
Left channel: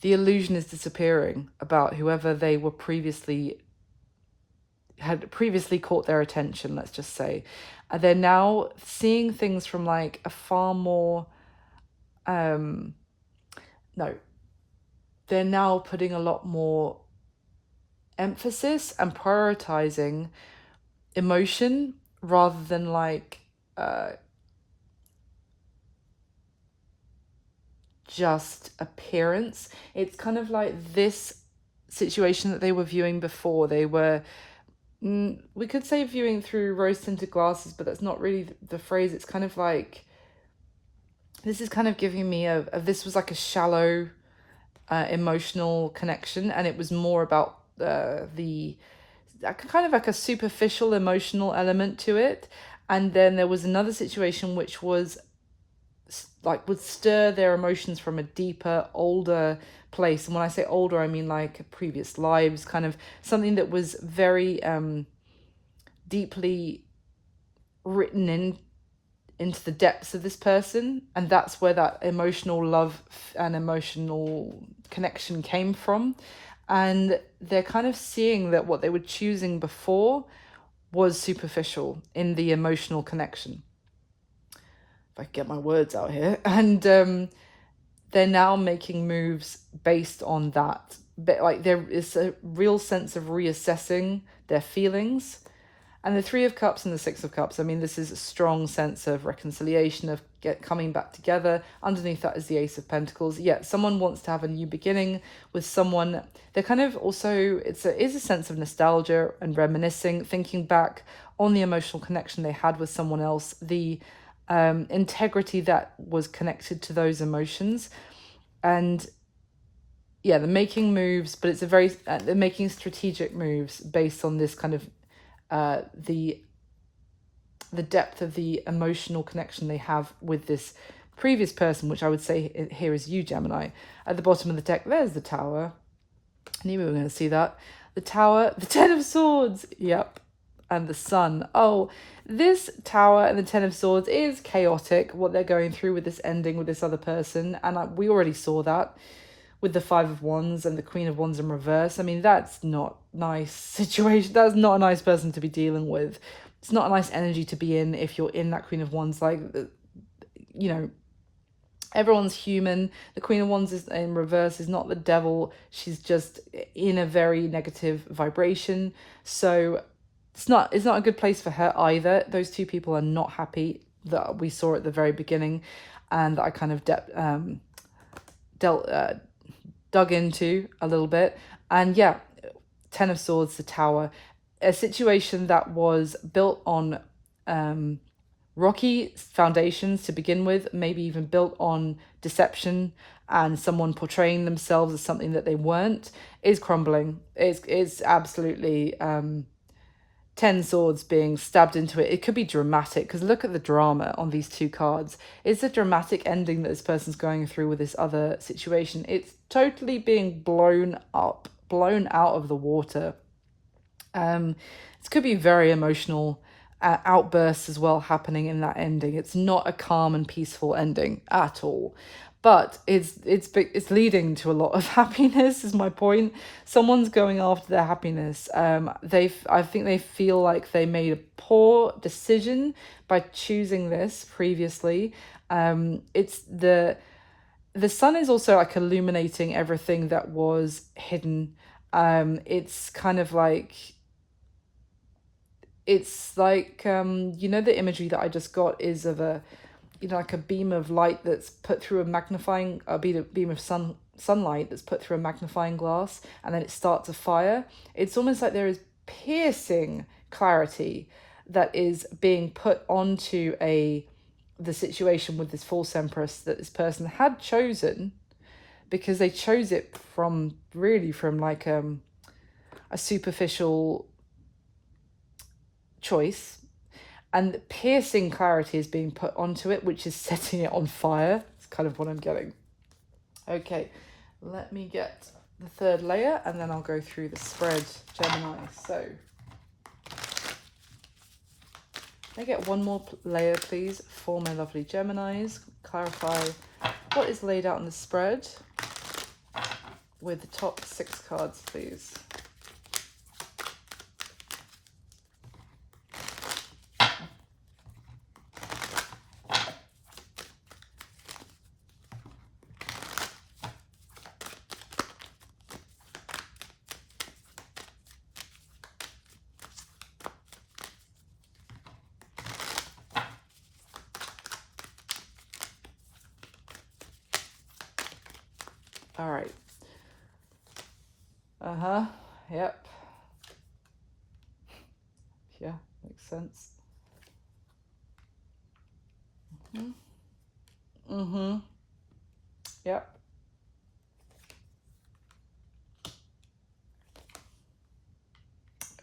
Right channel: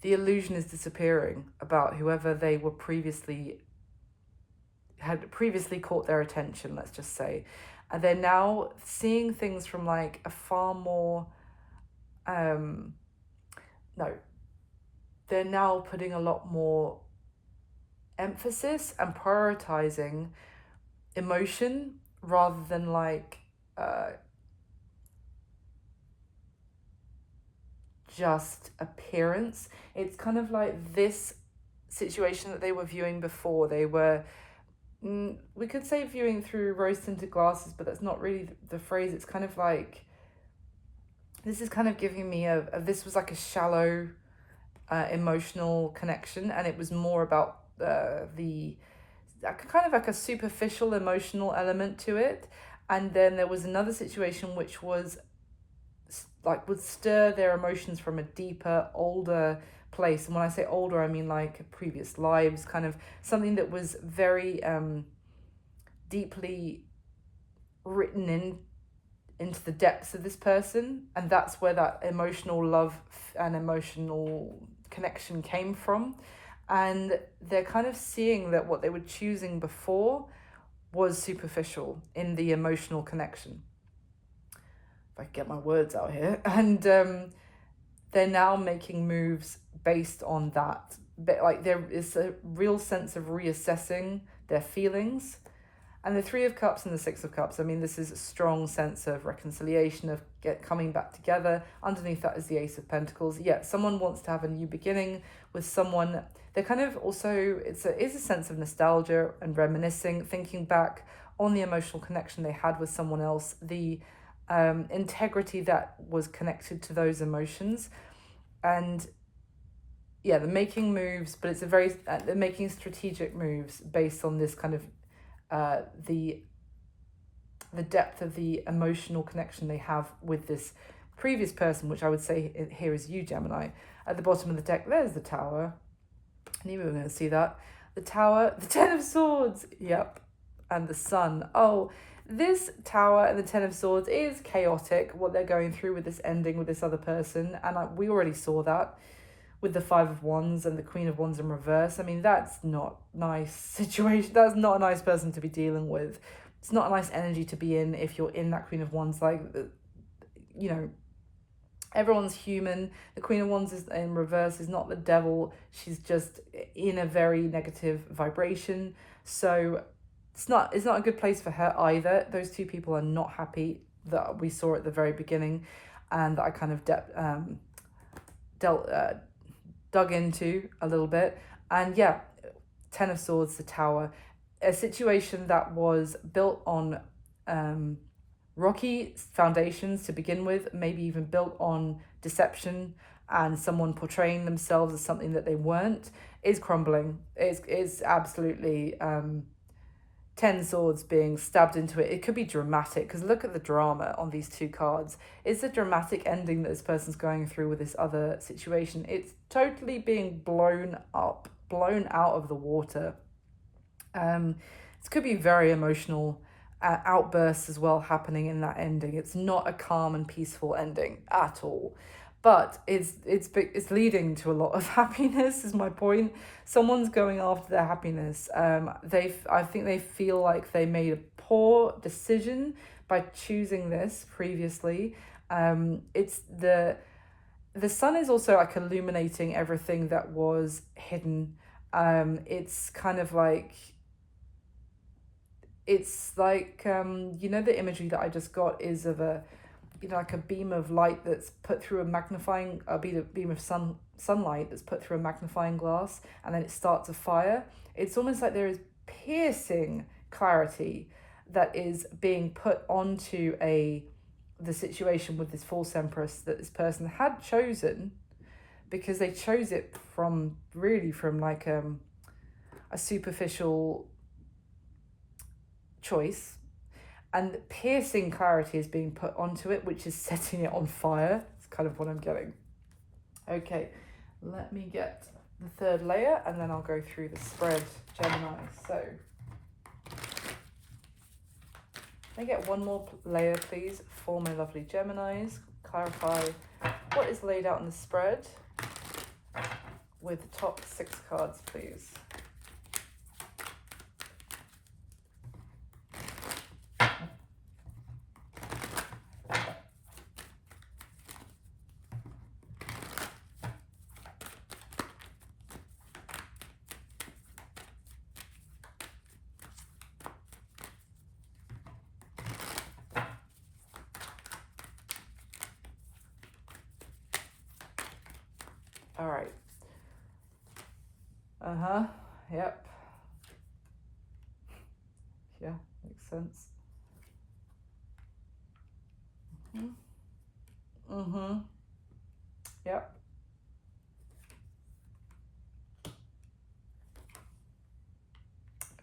disappearing about whoever they were had previously caught their attention, let's just say. And they're now seeing things from like a far more no, they're now putting a lot more emphasis and prioritizing emotion rather than like just appearance. It's kind of like this situation that they were viewing before. They were, we could say viewing through rose tinted glasses, but that's not really the phrase. It's kind of like, this is kind of giving me this was like a shallow emotional connection, and it was more about the kind of like a superficial emotional element to it. And then there was another situation which was like would stir their emotions from a deeper, older place. And when I say older, I mean like previous lives, kind of something that was very deeply written into the depths of this person. And that's where that emotional love and emotional connection came from. And they're kind of seeing that what they were choosing before was superficial in the emotional connection. If I can get my words out here. And they're now making moves based on that. But like there is a real sense of reassessing their feelings. And the Three of Cups and the Six of Cups, I mean, this is a strong sense of reconciliation, of coming back together. Underneath that is the Ace of Pentacles. Yeah, someone wants to have a new beginning with someone. They're kind of also, is a sense of nostalgia and reminiscing, thinking back on the emotional connection they had with someone else, the integrity that was connected to those emotions. And yeah, they're making moves, but it's they're making strategic moves based on this kind of the depth of the emotional connection they have with this previous person, which I would say here is you, Gemini. At the bottom of the deck, there's the Tower. I knew we were going to see that. The Tower, the Ten of Swords, yep, and the Sun. Oh, this Tower and the Ten of Swords is chaotic, what they're going through with this ending with this other person, and we already saw that with the Five of Wands and the Queen of Wands in reverse. I mean, that's not nice situation. That's not a nice person to be dealing with. It's not a nice energy to be in if you're in that Queen of Wands. Like, you know, everyone's human. The Queen of Wands is in reverse is not the devil. She's just in a very negative vibration. So it's not a good place for her either. Those two people are not happy, that we saw at the very beginning, and that I kind of dug into a little bit. And yeah, Ten of Swords, the Tower, a situation that was built on rocky foundations to begin with, maybe even built on deception and someone portraying themselves as something that they weren't, is crumbling. It's absolutely 10 swords being stabbed into it. It could be dramatic, because look at the drama on these two cards. It's a dramatic ending that this person's going through with this other situation. It's totally being blown up, blown out of the water. This could be very emotional outbursts as well happening in that ending. It's not a calm and peaceful ending at all. But it's leading to a lot of happiness, is my point. Someone's going after their happiness. I think they feel like they made a poor decision by choosing this previously. It's the Sun is also like illuminating everything that was hidden. It's kind of like, it's like the imagery that I just got is of a, like a beam of light that's put through a beam of sunlight that's put through a magnifying glass, and then it starts a fire. It's almost like there is piercing clarity that is being put onto the situation with this false empress that this person had chosen, because they chose it from like a superficial choice. and piercing clarity is being put onto it, which is setting it on fire. It's kind of what I'm getting. Okay, let me get the third layer and then I'll go through the spread, Gemini. So, can I get one more layer, please, for my lovely Geminis? Clarify what is laid out on the spread with the top 6 cards, please. All right. Yep. Yeah, makes sense. Yep.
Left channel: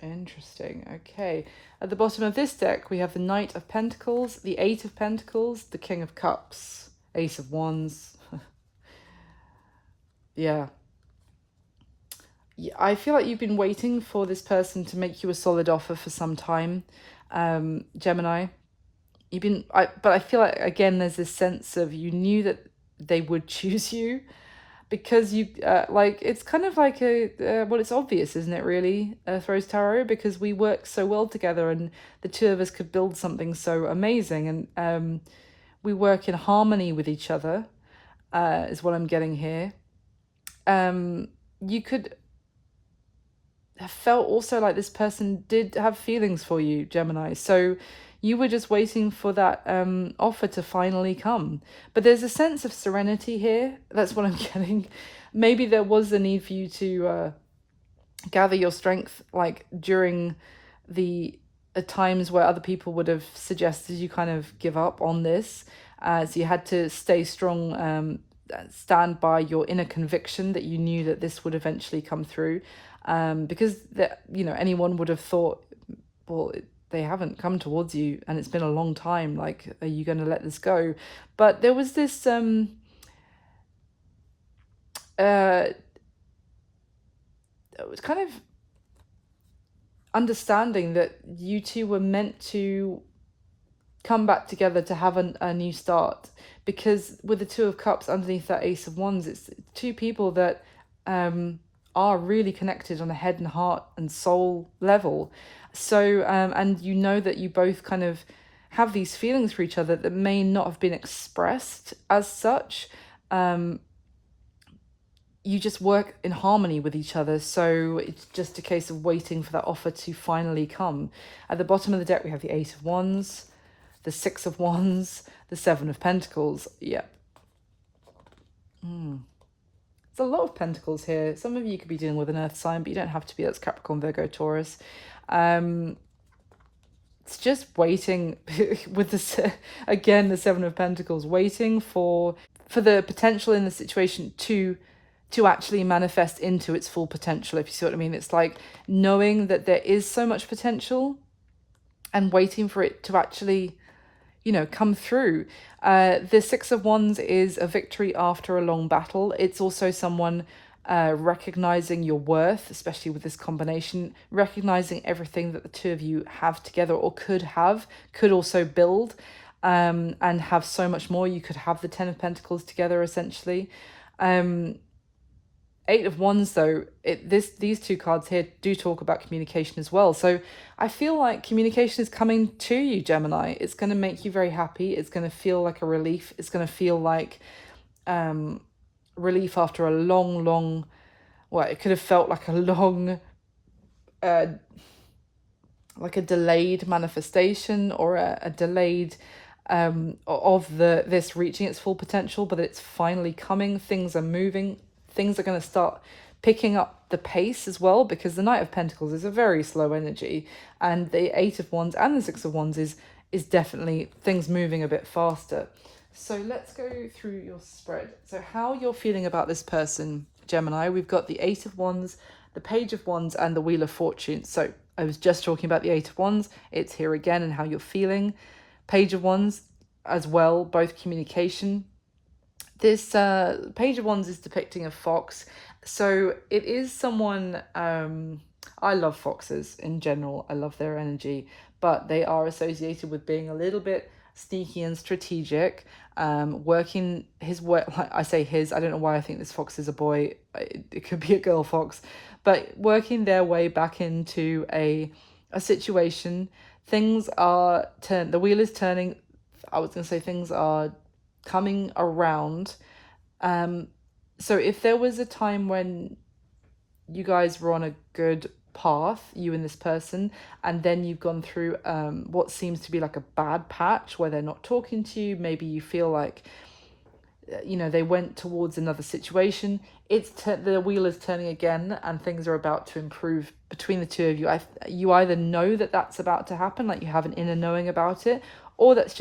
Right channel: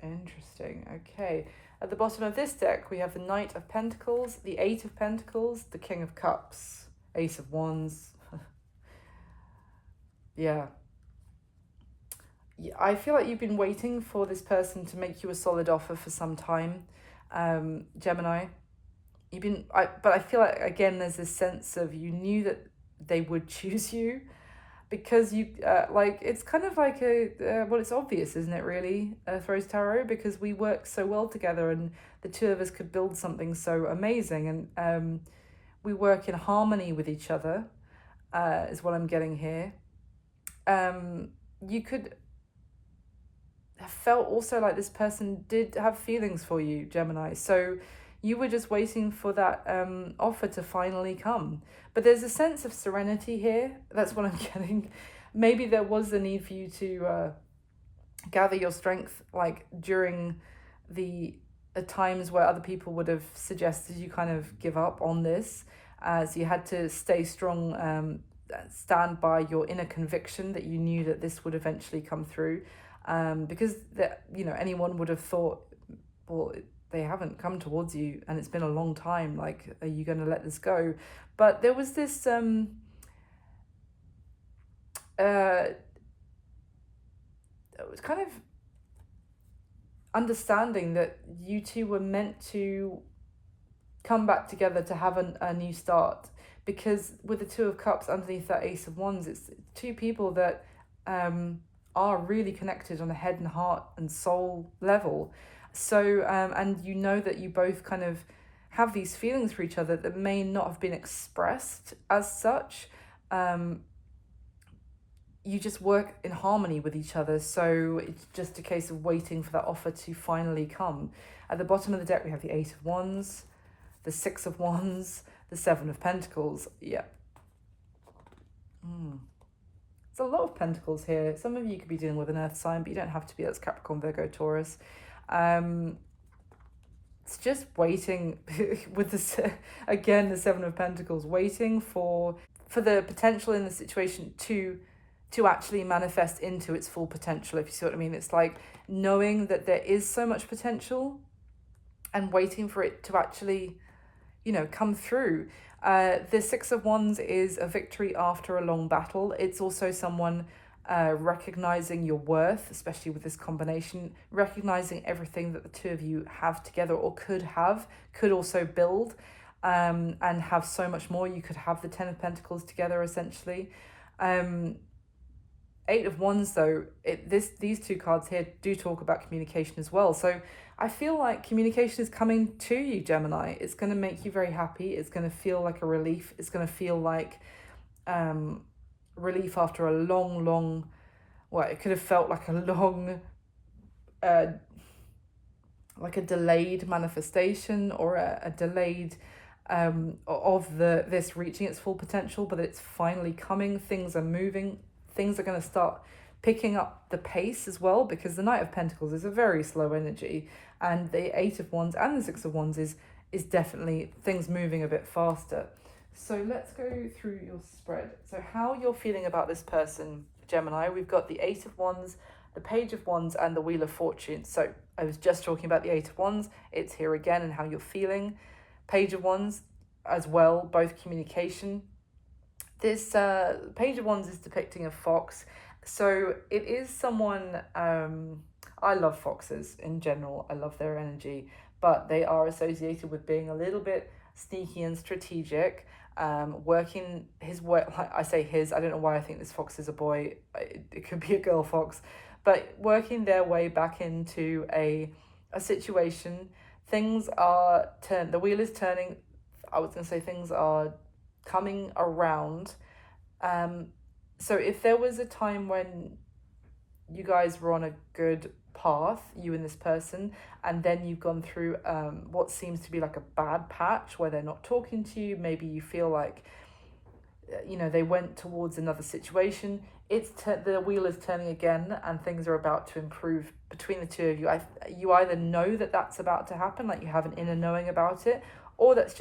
Interesting. Okay. At the bottom of this deck, we have the Knight of Pentacles, the Eight of Pentacles, the King of Cups, Ace of Wands. Yeah. I feel like you've been waiting for this person to make you a solid offer for some time, Gemini. But I feel like, again, there's this sense of you knew that they would choose you because you, like, it's kind of like well, it's obvious, isn't it, really, Rose Tarot, because we work so well together and the two of us could build something so amazing, and we work in harmony with each other, is what I'm getting here. You could have felt also like this person did have feelings for you, Gemini. So you were just waiting for that offer to finally come. But there's a sense of serenity here. That's what I'm getting. Maybe there was a need for you to gather your strength, like during the times where other people would have suggested you kind of give up on this. So you had to stay strong, stand by your inner conviction that you knew that this would eventually come through. Because anyone would have thought, well, they haven't come towards you and it's been a long time, like, are you going to let this go? But there was this it was kind of understanding that you two were meant to come back together to have a new start, because with the Two of Cups underneath that Ace of Wands, it's two people that are really connected on a head and heart and soul level. So and you know that you both kind of have these feelings for each other that may not have been expressed as such. You just work in harmony with each other, so it's just a case of waiting for that offer to finally come. At the bottom of the deck, we have the Eight of Wands, the Six of Wands, the Seven of Pentacles. Yep. There's a lot of pentacles here. Some of you could be dealing with an earth sign, but you don't have to be. That's Capricorn, Virgo, Taurus. It's just waiting with this, again, the Seven of Pentacles, waiting for the potential in the situation to actually manifest into its full potential, if you see what I mean. It's like knowing that there is so much potential and waiting for it to actually, come through. The Six of Wands is a victory after a long battle. It's also someone recognizing your worth, especially with this combination, recognizing everything that the two of you have together or could also build, and have so much more. You could have the Ten of Pentacles together, essentially. Eight of Wands, though, these two cards here do talk about communication as well. So I feel like communication is coming to you, Gemini. It's going to make you very happy. It's going to feel like a relief. It's going to feel like relief after a long, well, it could have felt like a long, like a delayed manifestation, or a delayed of this reaching its full potential, but it's finally coming. Things are moving. Things are going to start picking up the pace as well, because the Knight of Pentacles is a very slow energy, and the Eight of Wands and the Six of Wands is definitely things moving a bit faster. So let's go through your spread. So how you're feeling about this person, Gemini. We've got the Eight of Wands the Page of Wands and the Wheel of Fortune. So I was just talking about the Eight of Wands. It's here again and how you're feeling. Page of Wands as well, both communication. This Page of Wands is depicting a fox. So it is someone, I love foxes in general. I love their energy, but they are associated with being a little bit sneaky and strategic. Working his work, I say his, I don't know why I think this fox is a boy. It could be a girl fox, but working their way back into a situation. Things are the wheel is turning. I was going to say things are coming around. So if there was a time when you guys were on a good path, you and this person, and then you've gone through what seems to be like a bad patch where they're not talking to you, maybe you feel like, you know, they went towards another situation, the wheel is turning again and things are about to improve between the two of you. You either know that that's about to happen, like you have an inner knowing about it, or that's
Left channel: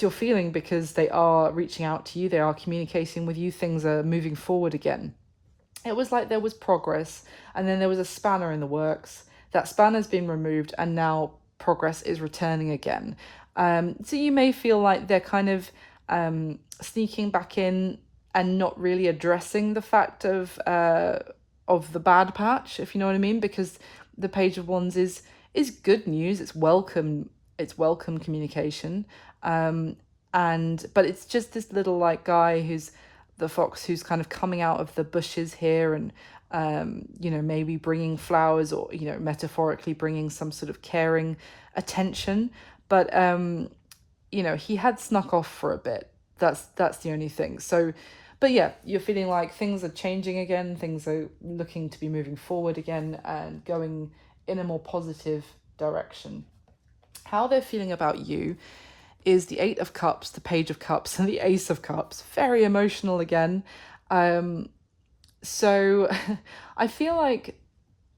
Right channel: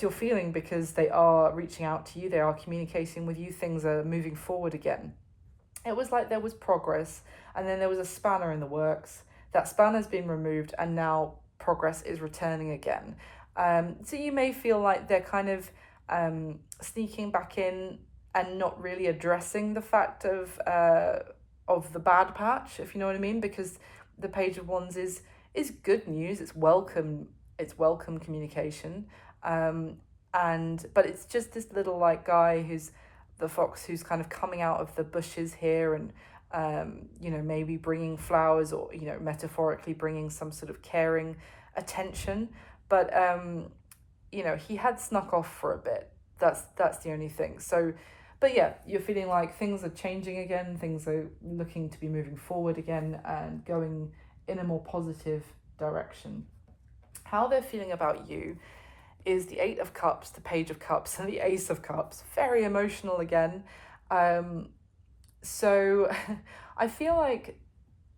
your feeling because they are reaching out to you, they are communicating with you, things are moving forward again. It was like there was progress and then there was a spanner in the works. That spanner's been removed and now progress is returning again. So you may feel like they're kind of sneaking back in and not really addressing the fact of the bad patch, if you know what I mean, because the Page of Wands is good news. It's welcome communication. But it's just this little like guy who's the fox who's kind of coming out of the bushes here and you know, maybe bringing flowers, or, you know, metaphorically bringing some sort of caring attention, but you know, he had snuck off for a bit. That's the only thing. So but yeah, you're feeling like things are changing again, things are looking to be moving forward again and going in a more positive direction. How they're feeling about you is the Eight of Cups, the Page of Cups, and the Ace of Cups. Very emotional again. So I feel like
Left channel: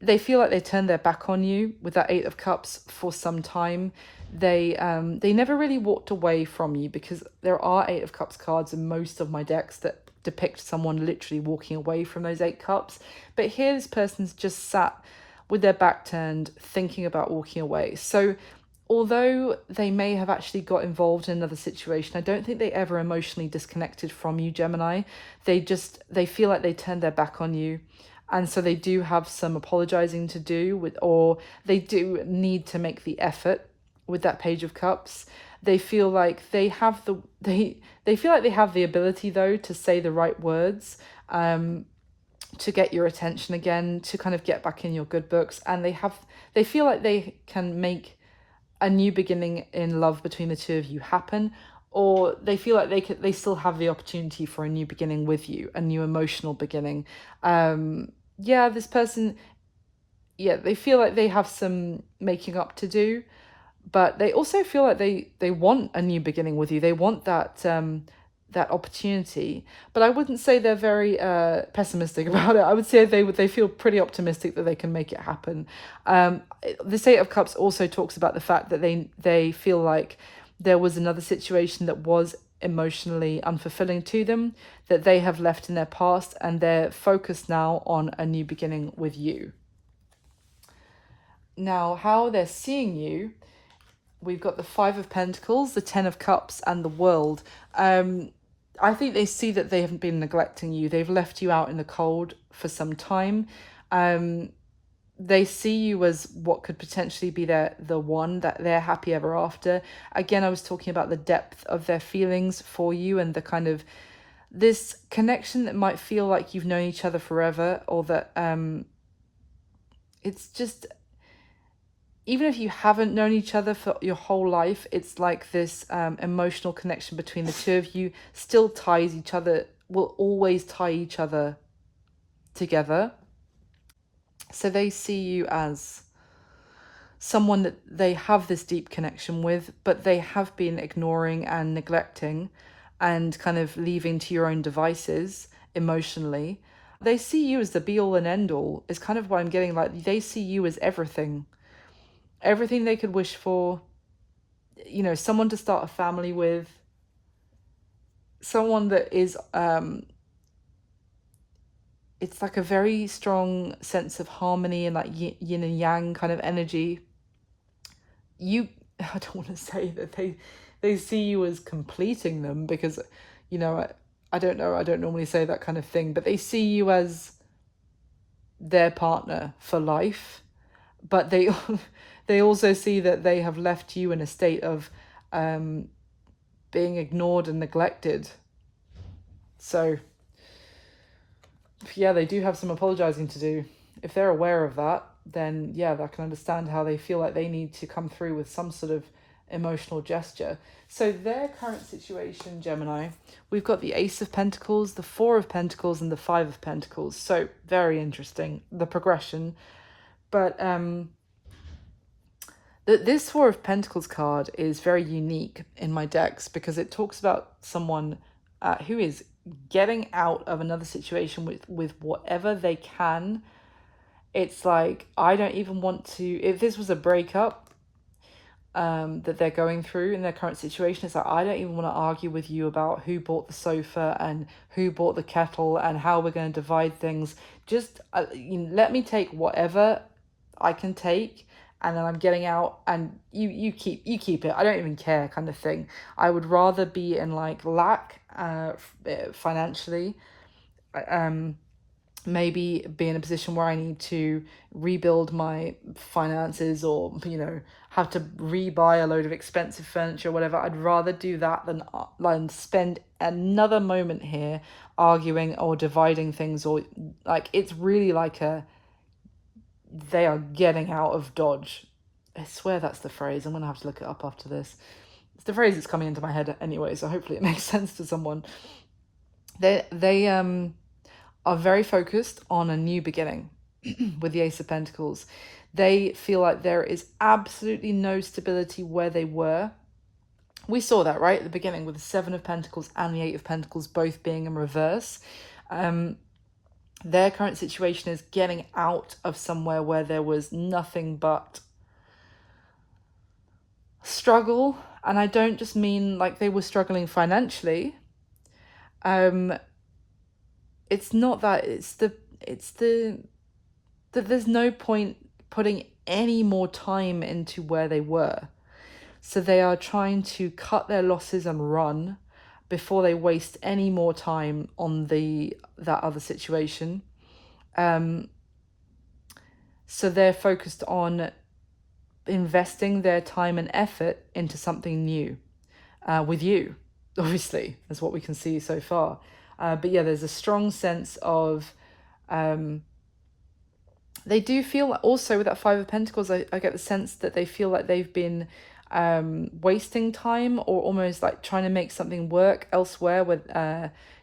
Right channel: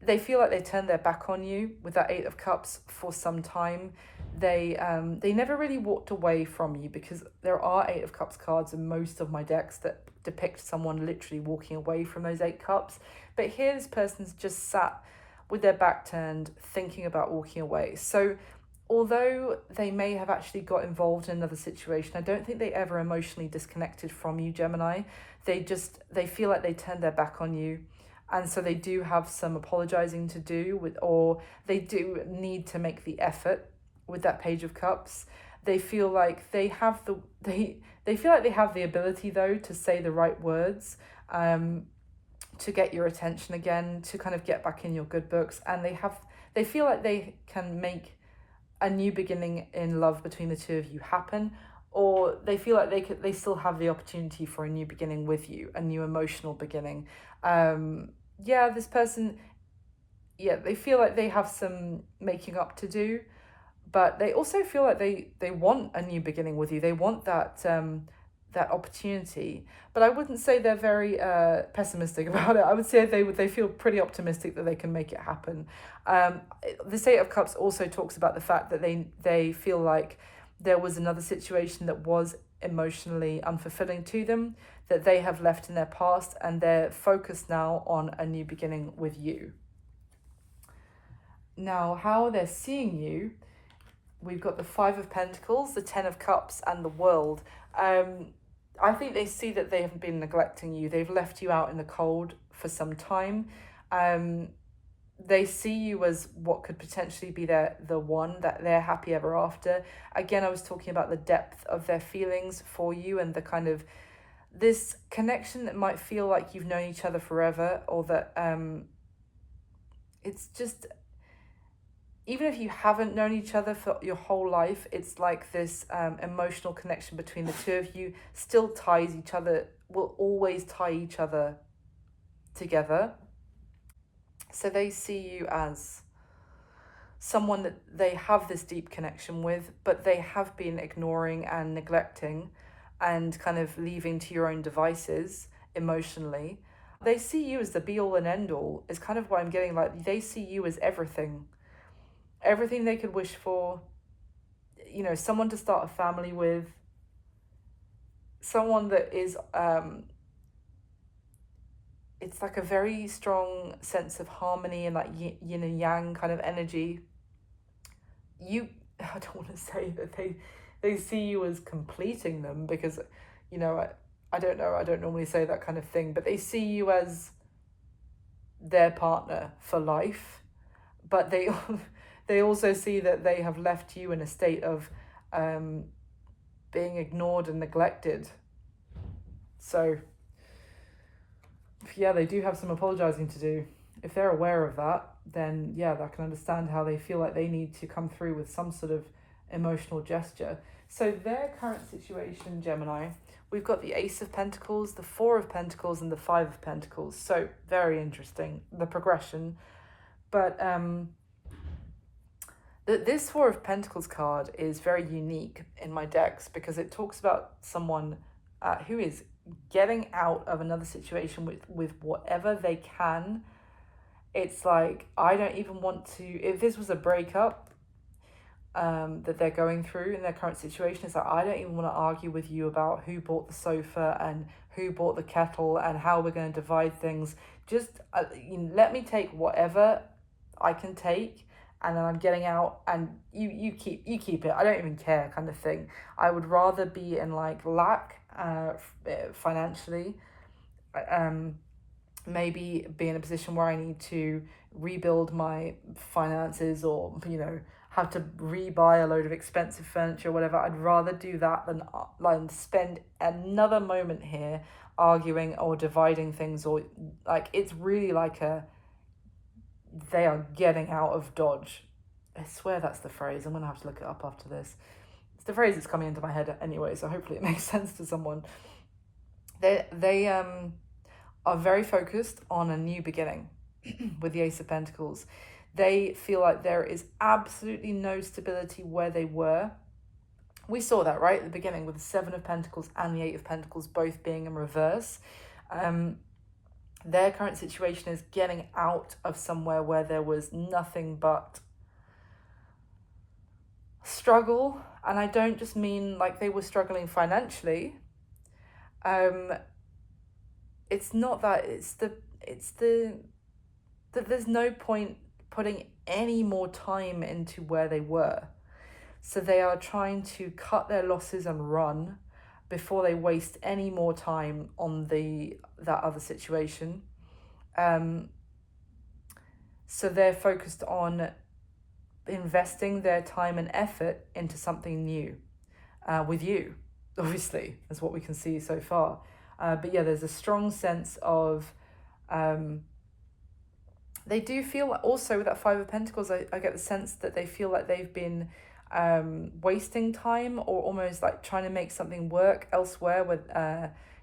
they turned their back on you with that Eight of Cups for some time. They never really walked away from you, because there are Eight of Cups cards in most of my decks that depict someone literally walking away from those Eight Cups. But here this person's just sat with their back turned, thinking about walking away. So although they may have actually got involved in another situation, I don't think they ever emotionally disconnected from you, Gemini. They feel like they turned their back on you. And so they do have some apologizing to do or they do need to make the effort with that Page of Cups. They feel like they have they feel like they have the ability though to say the right words, to get your attention again, to kind of get back in your good books. And they feel like they can make a new beginning in love between the two of you happen, or they feel like they still have the opportunity for a new beginning with you, a new emotional beginning. This person, they feel like they have some making up to do, but they also feel like they want a new beginning with you. They want that opportunity, but I wouldn't say they're very pessimistic about it. I would say they feel pretty optimistic that they can make it happen. The Eight of Cups also talks about the fact that they feel like there was another situation that was emotionally unfulfilling to them, that they have left in their past, and they're focused now on a new beginning with you. Now, how they're seeing you, we've got the Five of Pentacles, the Ten of Cups, and the World. I think they see that they haven't been neglecting you. They've left you out in the cold for some time. They see you as what could potentially be the one that they're happy ever after. Again, I was talking about the depth of their feelings for you and the kind of this connection that might feel like you've known each other forever, or that it's just, even if you haven't known each other for your whole life, it's like this emotional connection between the two of you still ties each other, will always tie each other together. So they see you as someone that they have this deep connection with, but they have been ignoring and neglecting and kind of leaving to your own devices emotionally. They see you as the be all and end all, is kind of what I'm getting. Like, they see you as everything they could wish for, you know, someone to start a family with, someone that is it's like a very strong sense of harmony and like yin and yang kind of energy. You, I don't want to say that they see you as completing them, because, you know, I don't know, I don't normally say that kind of thing, but they see you as their partner for life. But they they also see that they have left you in a state of being ignored and neglected. So yeah, they do have some apologizing to do. If they're aware of that, then yeah, I can understand how they feel like they need to come through with some sort of emotional gesture. So their current situation, Gemini, we've got the Ace of Pentacles, the Four of Pentacles, and the Five of Pentacles. So very interesting, the progression. But this Four of Pentacles card is very unique in my decks, because it talks about someone who is getting out of another situation with whatever they can. It's like, I don't even want to, if this was a breakup that they're going through in their current situation, it's like, I don't even want to argue with you about who bought the sofa and who bought the kettle and how we're going to divide things. Just let me take whatever I can take, and then I'm getting out, and you keep it. I don't even care, kind of thing. I would rather be in like lack financially, maybe be in a position where I need to rebuild my finances, or have to rebuy a load of expensive furniture or whatever. I'd rather do that than spend another moment here arguing or dividing things, or like, it's really like they are getting out of Dodge. I swear that's the phrase. I'm gonna have to look it up after this. It's the phrase that's coming into my head anyway, so hopefully it makes sense to someone. They are very focused on a new beginning with the Ace of Pentacles. They feel like there is absolutely no stability where they were. We saw that right at the beginning with the Seven of Pentacles and the Eight of Pentacles both being in reverse. Their current situation is getting out of somewhere where there was nothing but struggle. And I don't just mean like they were struggling financially. It's not that, it's the that there's no point putting any more time into where they were. So they are trying to cut their losses and run before they waste any more time on that other situation. So they're focused on investing their time and effort into something new with you, obviously, is what we can see so far. But yeah, there's a strong sense of they do feel also with that Five of Pentacles, I get the sense that they feel like they've been wasting time, or almost like trying to make something work elsewhere, with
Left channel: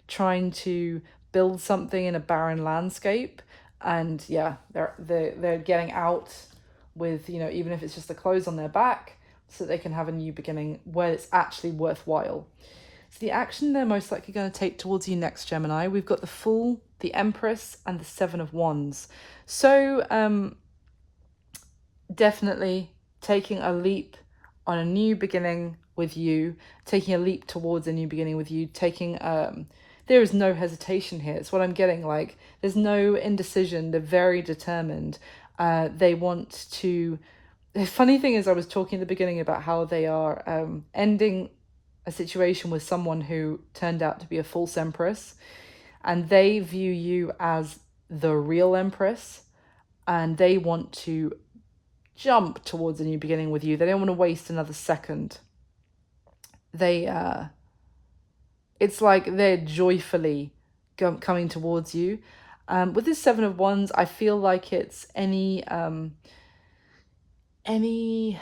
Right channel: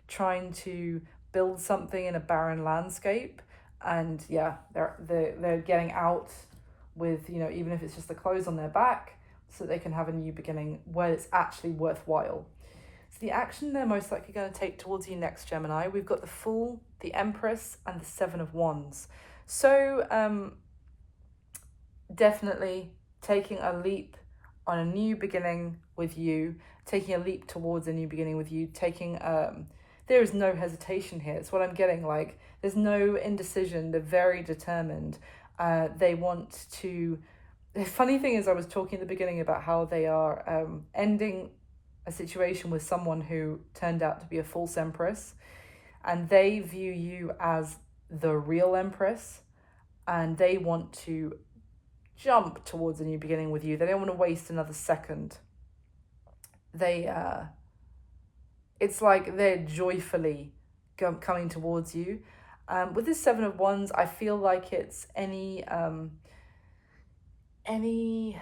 trying to build something in a barren landscape. And yeah, they're getting out with, even if it's just the clothes on their back, so they can have a new beginning where it's actually worthwhile. So the action they're most likely going to take towards you next, Gemini, we've got the Fool, the Empress, and the Seven of Wands. So definitely taking a leap on a new beginning with you, taking a leap towards a new beginning with you, taking there is no hesitation here. It's what I'm getting. Like, there's no indecision. They're very determined. They want to. The funny thing is, I was talking at the beginning about how they are ending a situation with someone who turned out to be a false empress, and they view you as the real empress, and they want to jump towards a new beginning with you. They don't want to waste another second. It's like they're joyfully coming towards you. With this Seven of Wands, I feel like it's any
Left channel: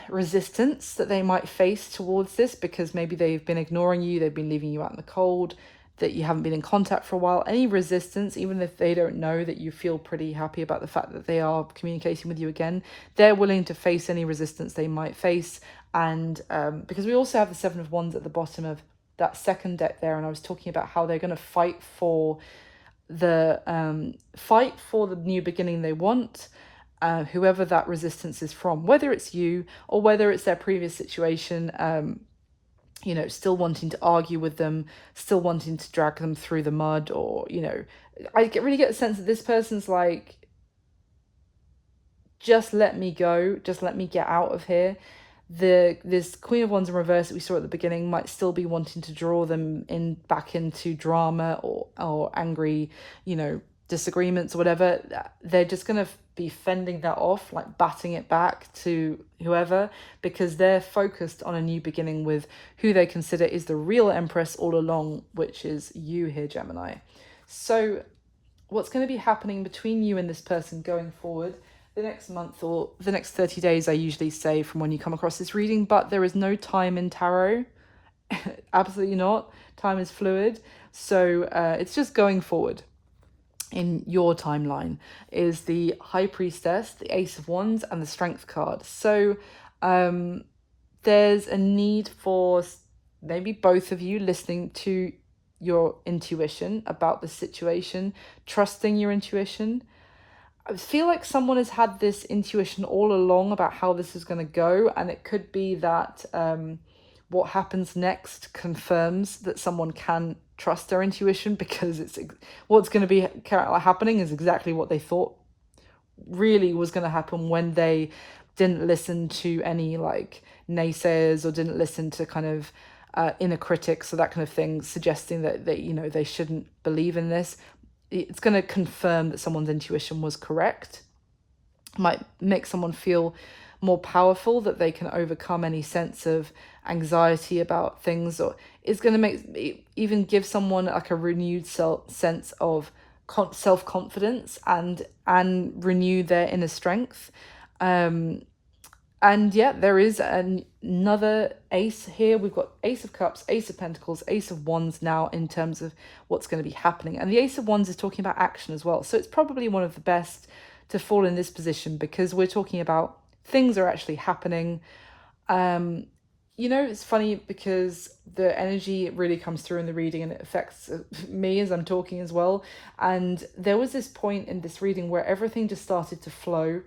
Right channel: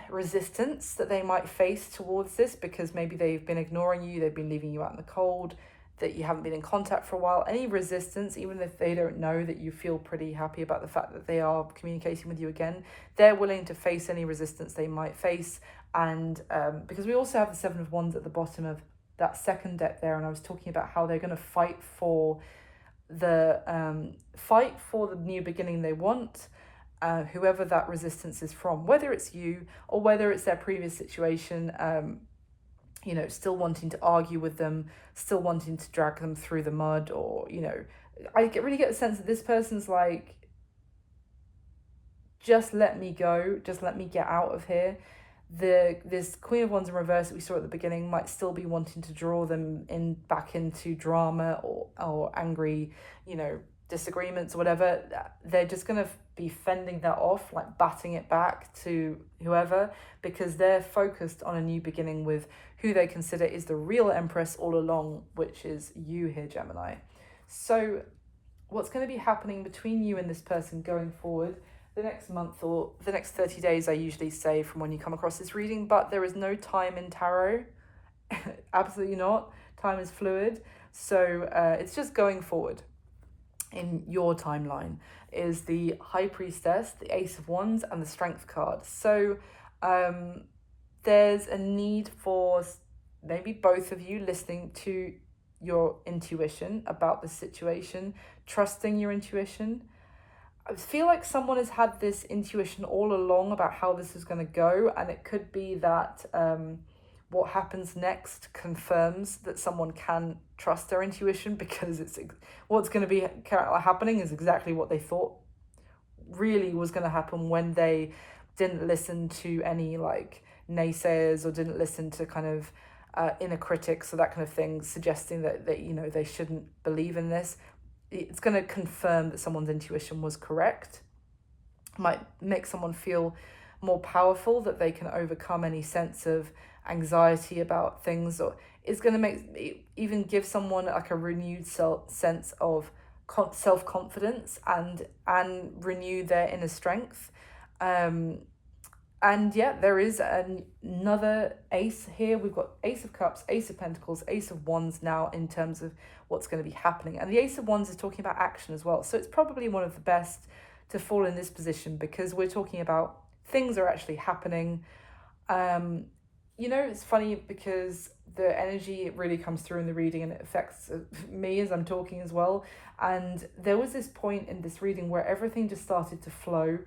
resistance that they might face towards this, because maybe they've been ignoring you, they've been leaving you out in the cold, that you haven't been in contact for a while. Any resistance, even if they don't know that you feel pretty happy about the fact that they are communicating with you again, they're willing to face any resistance they might face. And because we also have the Seven of Wands at the bottom of that second deck there, and I was talking about how they're going to fight for the new beginning they want, whoever that resistance is from, whether it's you or whether it's their previous situation, still wanting to argue with them, still wanting to drag them through the mud, or really get the sense that this person's like, just let me go, just let me get out of here. This Queen of Wands in reverse that we saw at the beginning might still be wanting to draw them in back into drama or angry, you know, disagreements or whatever. They're just gonna be fending that off, like batting it back to whoever, because they're focused on a new beginning with who they consider is the real Empress all along, which is you here, Gemini. So what's going to be happening between you and this person going forward the next month or the next 30 days, I usually say, from when you come across this reading, but there is no time in tarot. Absolutely not. Time is fluid. So it's just going forward in your timeline is the High Priestess, the Ace of Wands, and the Strength card. So there's a need for maybe both of you listening to your intuition about the situation, trusting your intuition. I feel like someone has had this intuition all along about how this is going to go, and it could be that what happens next confirms that someone can trust their intuition, because it's what's going to be happening is exactly what they thought really was going to happen when they didn't listen to any like naysayers or didn't listen to kind of inner critics or that kind of thing suggesting that they, you know, they shouldn't believe in this. It's going to confirm that someone's intuition was correct. Might make someone feel more powerful, that they can overcome any sense of anxiety about things, or is going to make even give someone like a renewed sense of self-confidence and renew their inner strength. And yeah, there is another ace here. We've got Ace of Cups, Ace of Pentacles, Ace of Wands now in terms of what's going to be happening. And the Ace of Wands is talking about action as well. So it's probably one of the best to fall in this position, because we're talking about things are actually happening. You know, it's funny because the energy really comes through in the reading and it affects me as I'm talking as well. And there was this point in this reading where everything just started to flow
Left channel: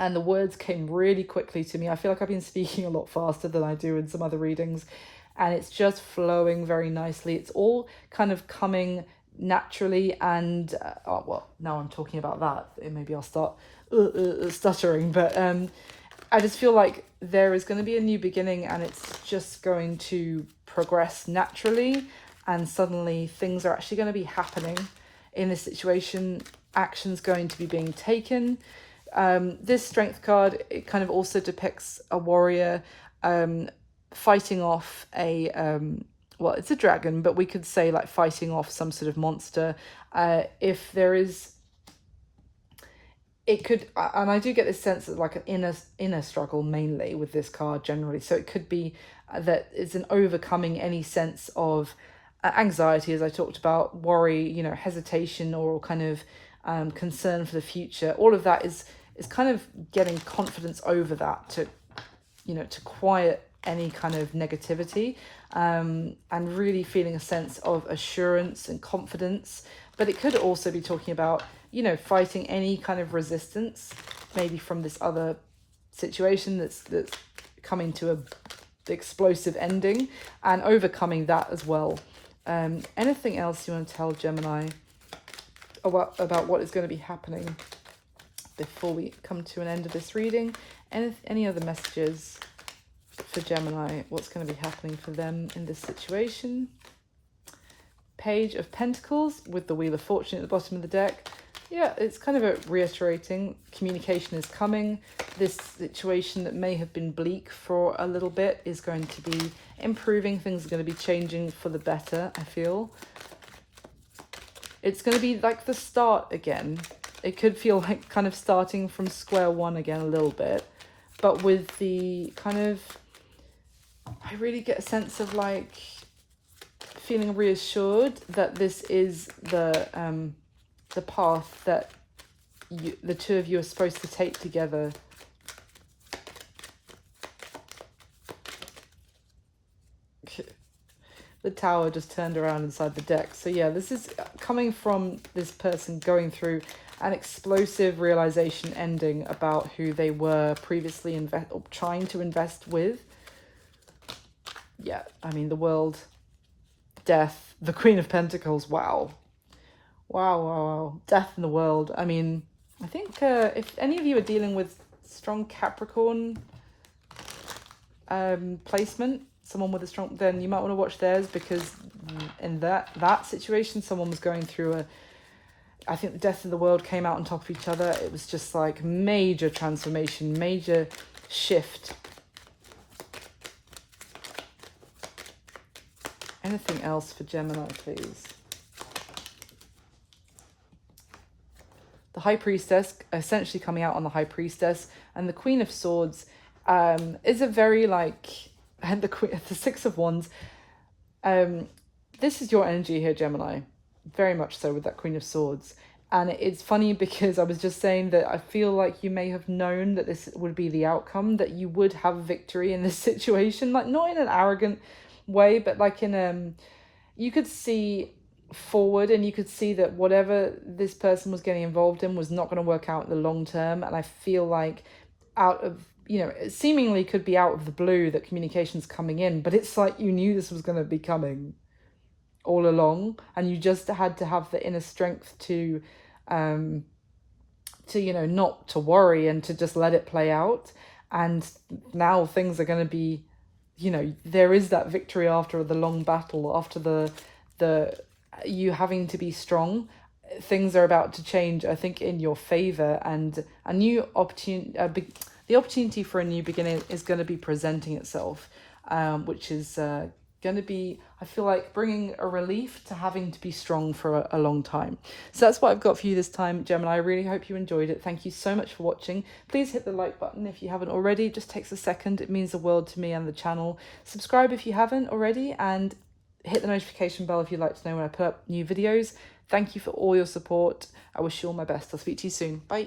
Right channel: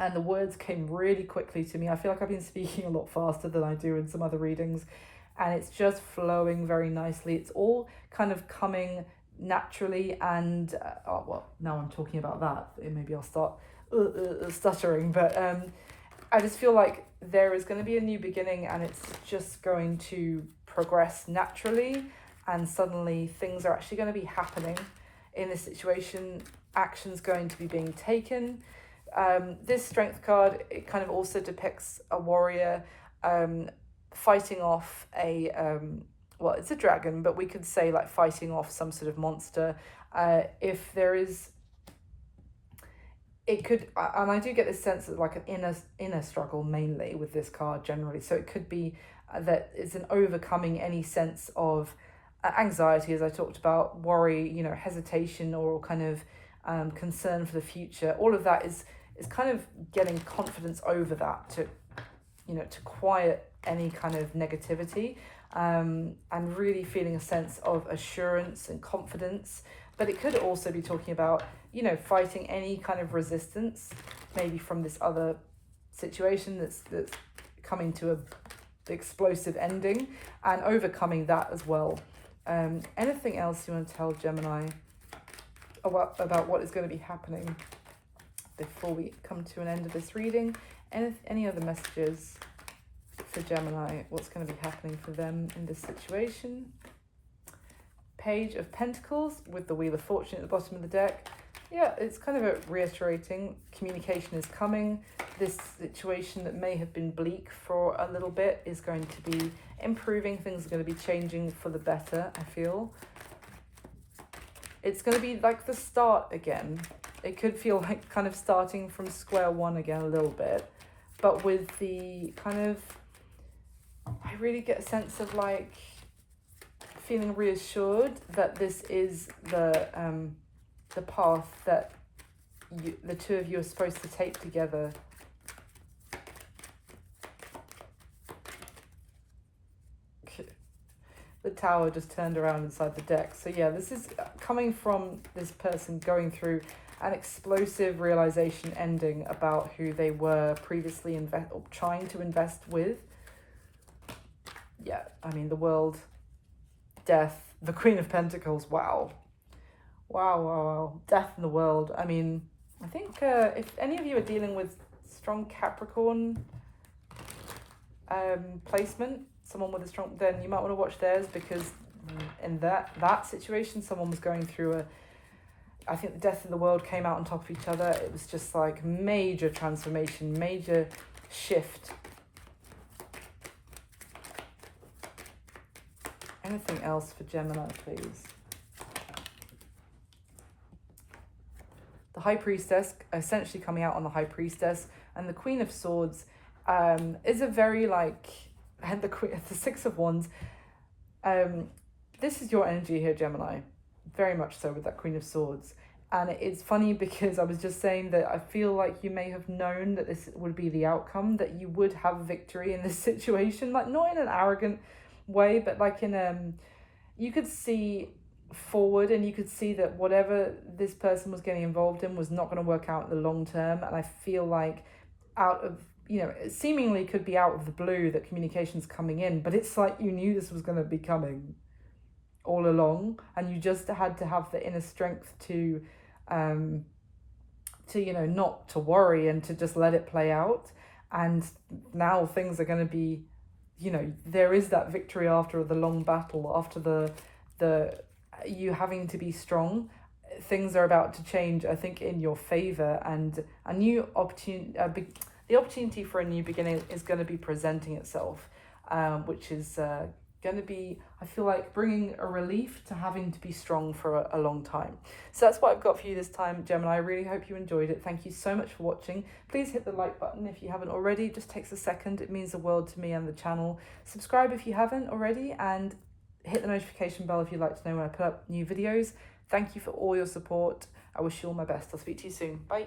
and the words came really quickly to me. I feel like I've been speaking a lot faster than I do in some other readings, and it's just flowing very nicely. It's all kind of coming naturally, and oh, well, now I'm talking about that, maybe I'll start stuttering, but I just feel like there is going to be a new beginning, and it's just going to progress naturally, and suddenly things are actually going to be happening in this situation. Action's going to be being taken. This Strength card, it kind of also depicts a warrior fighting off a well, it's a dragon, but we could say like fighting off some sort of monster. If there is, it could, and I do get this sense of like an inner struggle mainly with this card generally. So it could be that it's an overcoming any sense of anxiety, as I talked about, worry, you know, hesitation, or kind of concern for the future. All of that is kind of getting confidence over that to, you know, to quiet any kind of negativity, and really feeling a sense of assurance and confidence. But it could also be talking about, you know, fighting any kind of resistance, maybe from this other situation that's coming to a explosive ending, and overcoming that as well. Anything else you want to tell Gemini about what is going to be happening before we come to an end of this reading? Any other messages for Gemini? What's going to be happening for them in this situation? Page of Pentacles with the Wheel of Fortune at the bottom of the deck. Yeah, it's kind of a reiterating communication is coming. This situation that may have been bleak for a little bit is going to be improving. Things are going to be changing for the better, I feel. It's going to be like the start again. It could feel like kind of starting from square one again a little bit, but with the kind of, I really get a sense of like feeling reassured that this is the path that the two of you are supposed to take together. The Tower just turned around inside the deck. So yeah, this is coming from this person going through an explosive realization ending about who they were previously trying to invest with. Yeah, I mean, the World, Death, the Queen of Pentacles, wow. Wow, wow, wow. Death in the world. I mean, I think if any of you are dealing with strong Capricorn placement, someone with a strong, then you might want to watch theirs, because in that situation, someone was going through I think the death of the world came out on top of each other. It was just like major transformation, major shift. Anything else for Gemini, please? The High Priestess, essentially coming out on the High Priestess, and the Queen of Swords is a very like, and the Six of Wands. This is your energy here, Gemini, very much so, with that Queen of Swords. And it's funny because I was just saying that I feel like you may have known that this would be the outcome, that you would have victory in this situation, like not in an arrogant way, but like in you could see forward, and you could see that whatever this person was getting involved in was not going to work out in the long term. And I feel like out of, you know, it seemingly could be out of the blue that communication's coming in, but it's like you knew this was going to be coming all along, and you just had to have the inner strength to you know, not to worry and to just let it play out. And now things are going to be, you know, there is that victory after the long battle, after the you having to be strong. Things are about to change, I think, in your favor, and a new opportunity, the opportunity for a new beginning is going to be presenting itself, which is going to be, I feel like, bringing a relief to having to be strong for a long time. So that's what I've got for you this time, Gemini. I really hope you enjoyed it. Thank you so much for watching. Please hit the like button if you haven't already. It just takes a second. It means the world to me and the channel. Subscribe if you haven't already, and hit the notification bell if you'd like to know when I put up new videos. Thank you for all your support. I wish you all my best. I'll speak to you soon. Bye.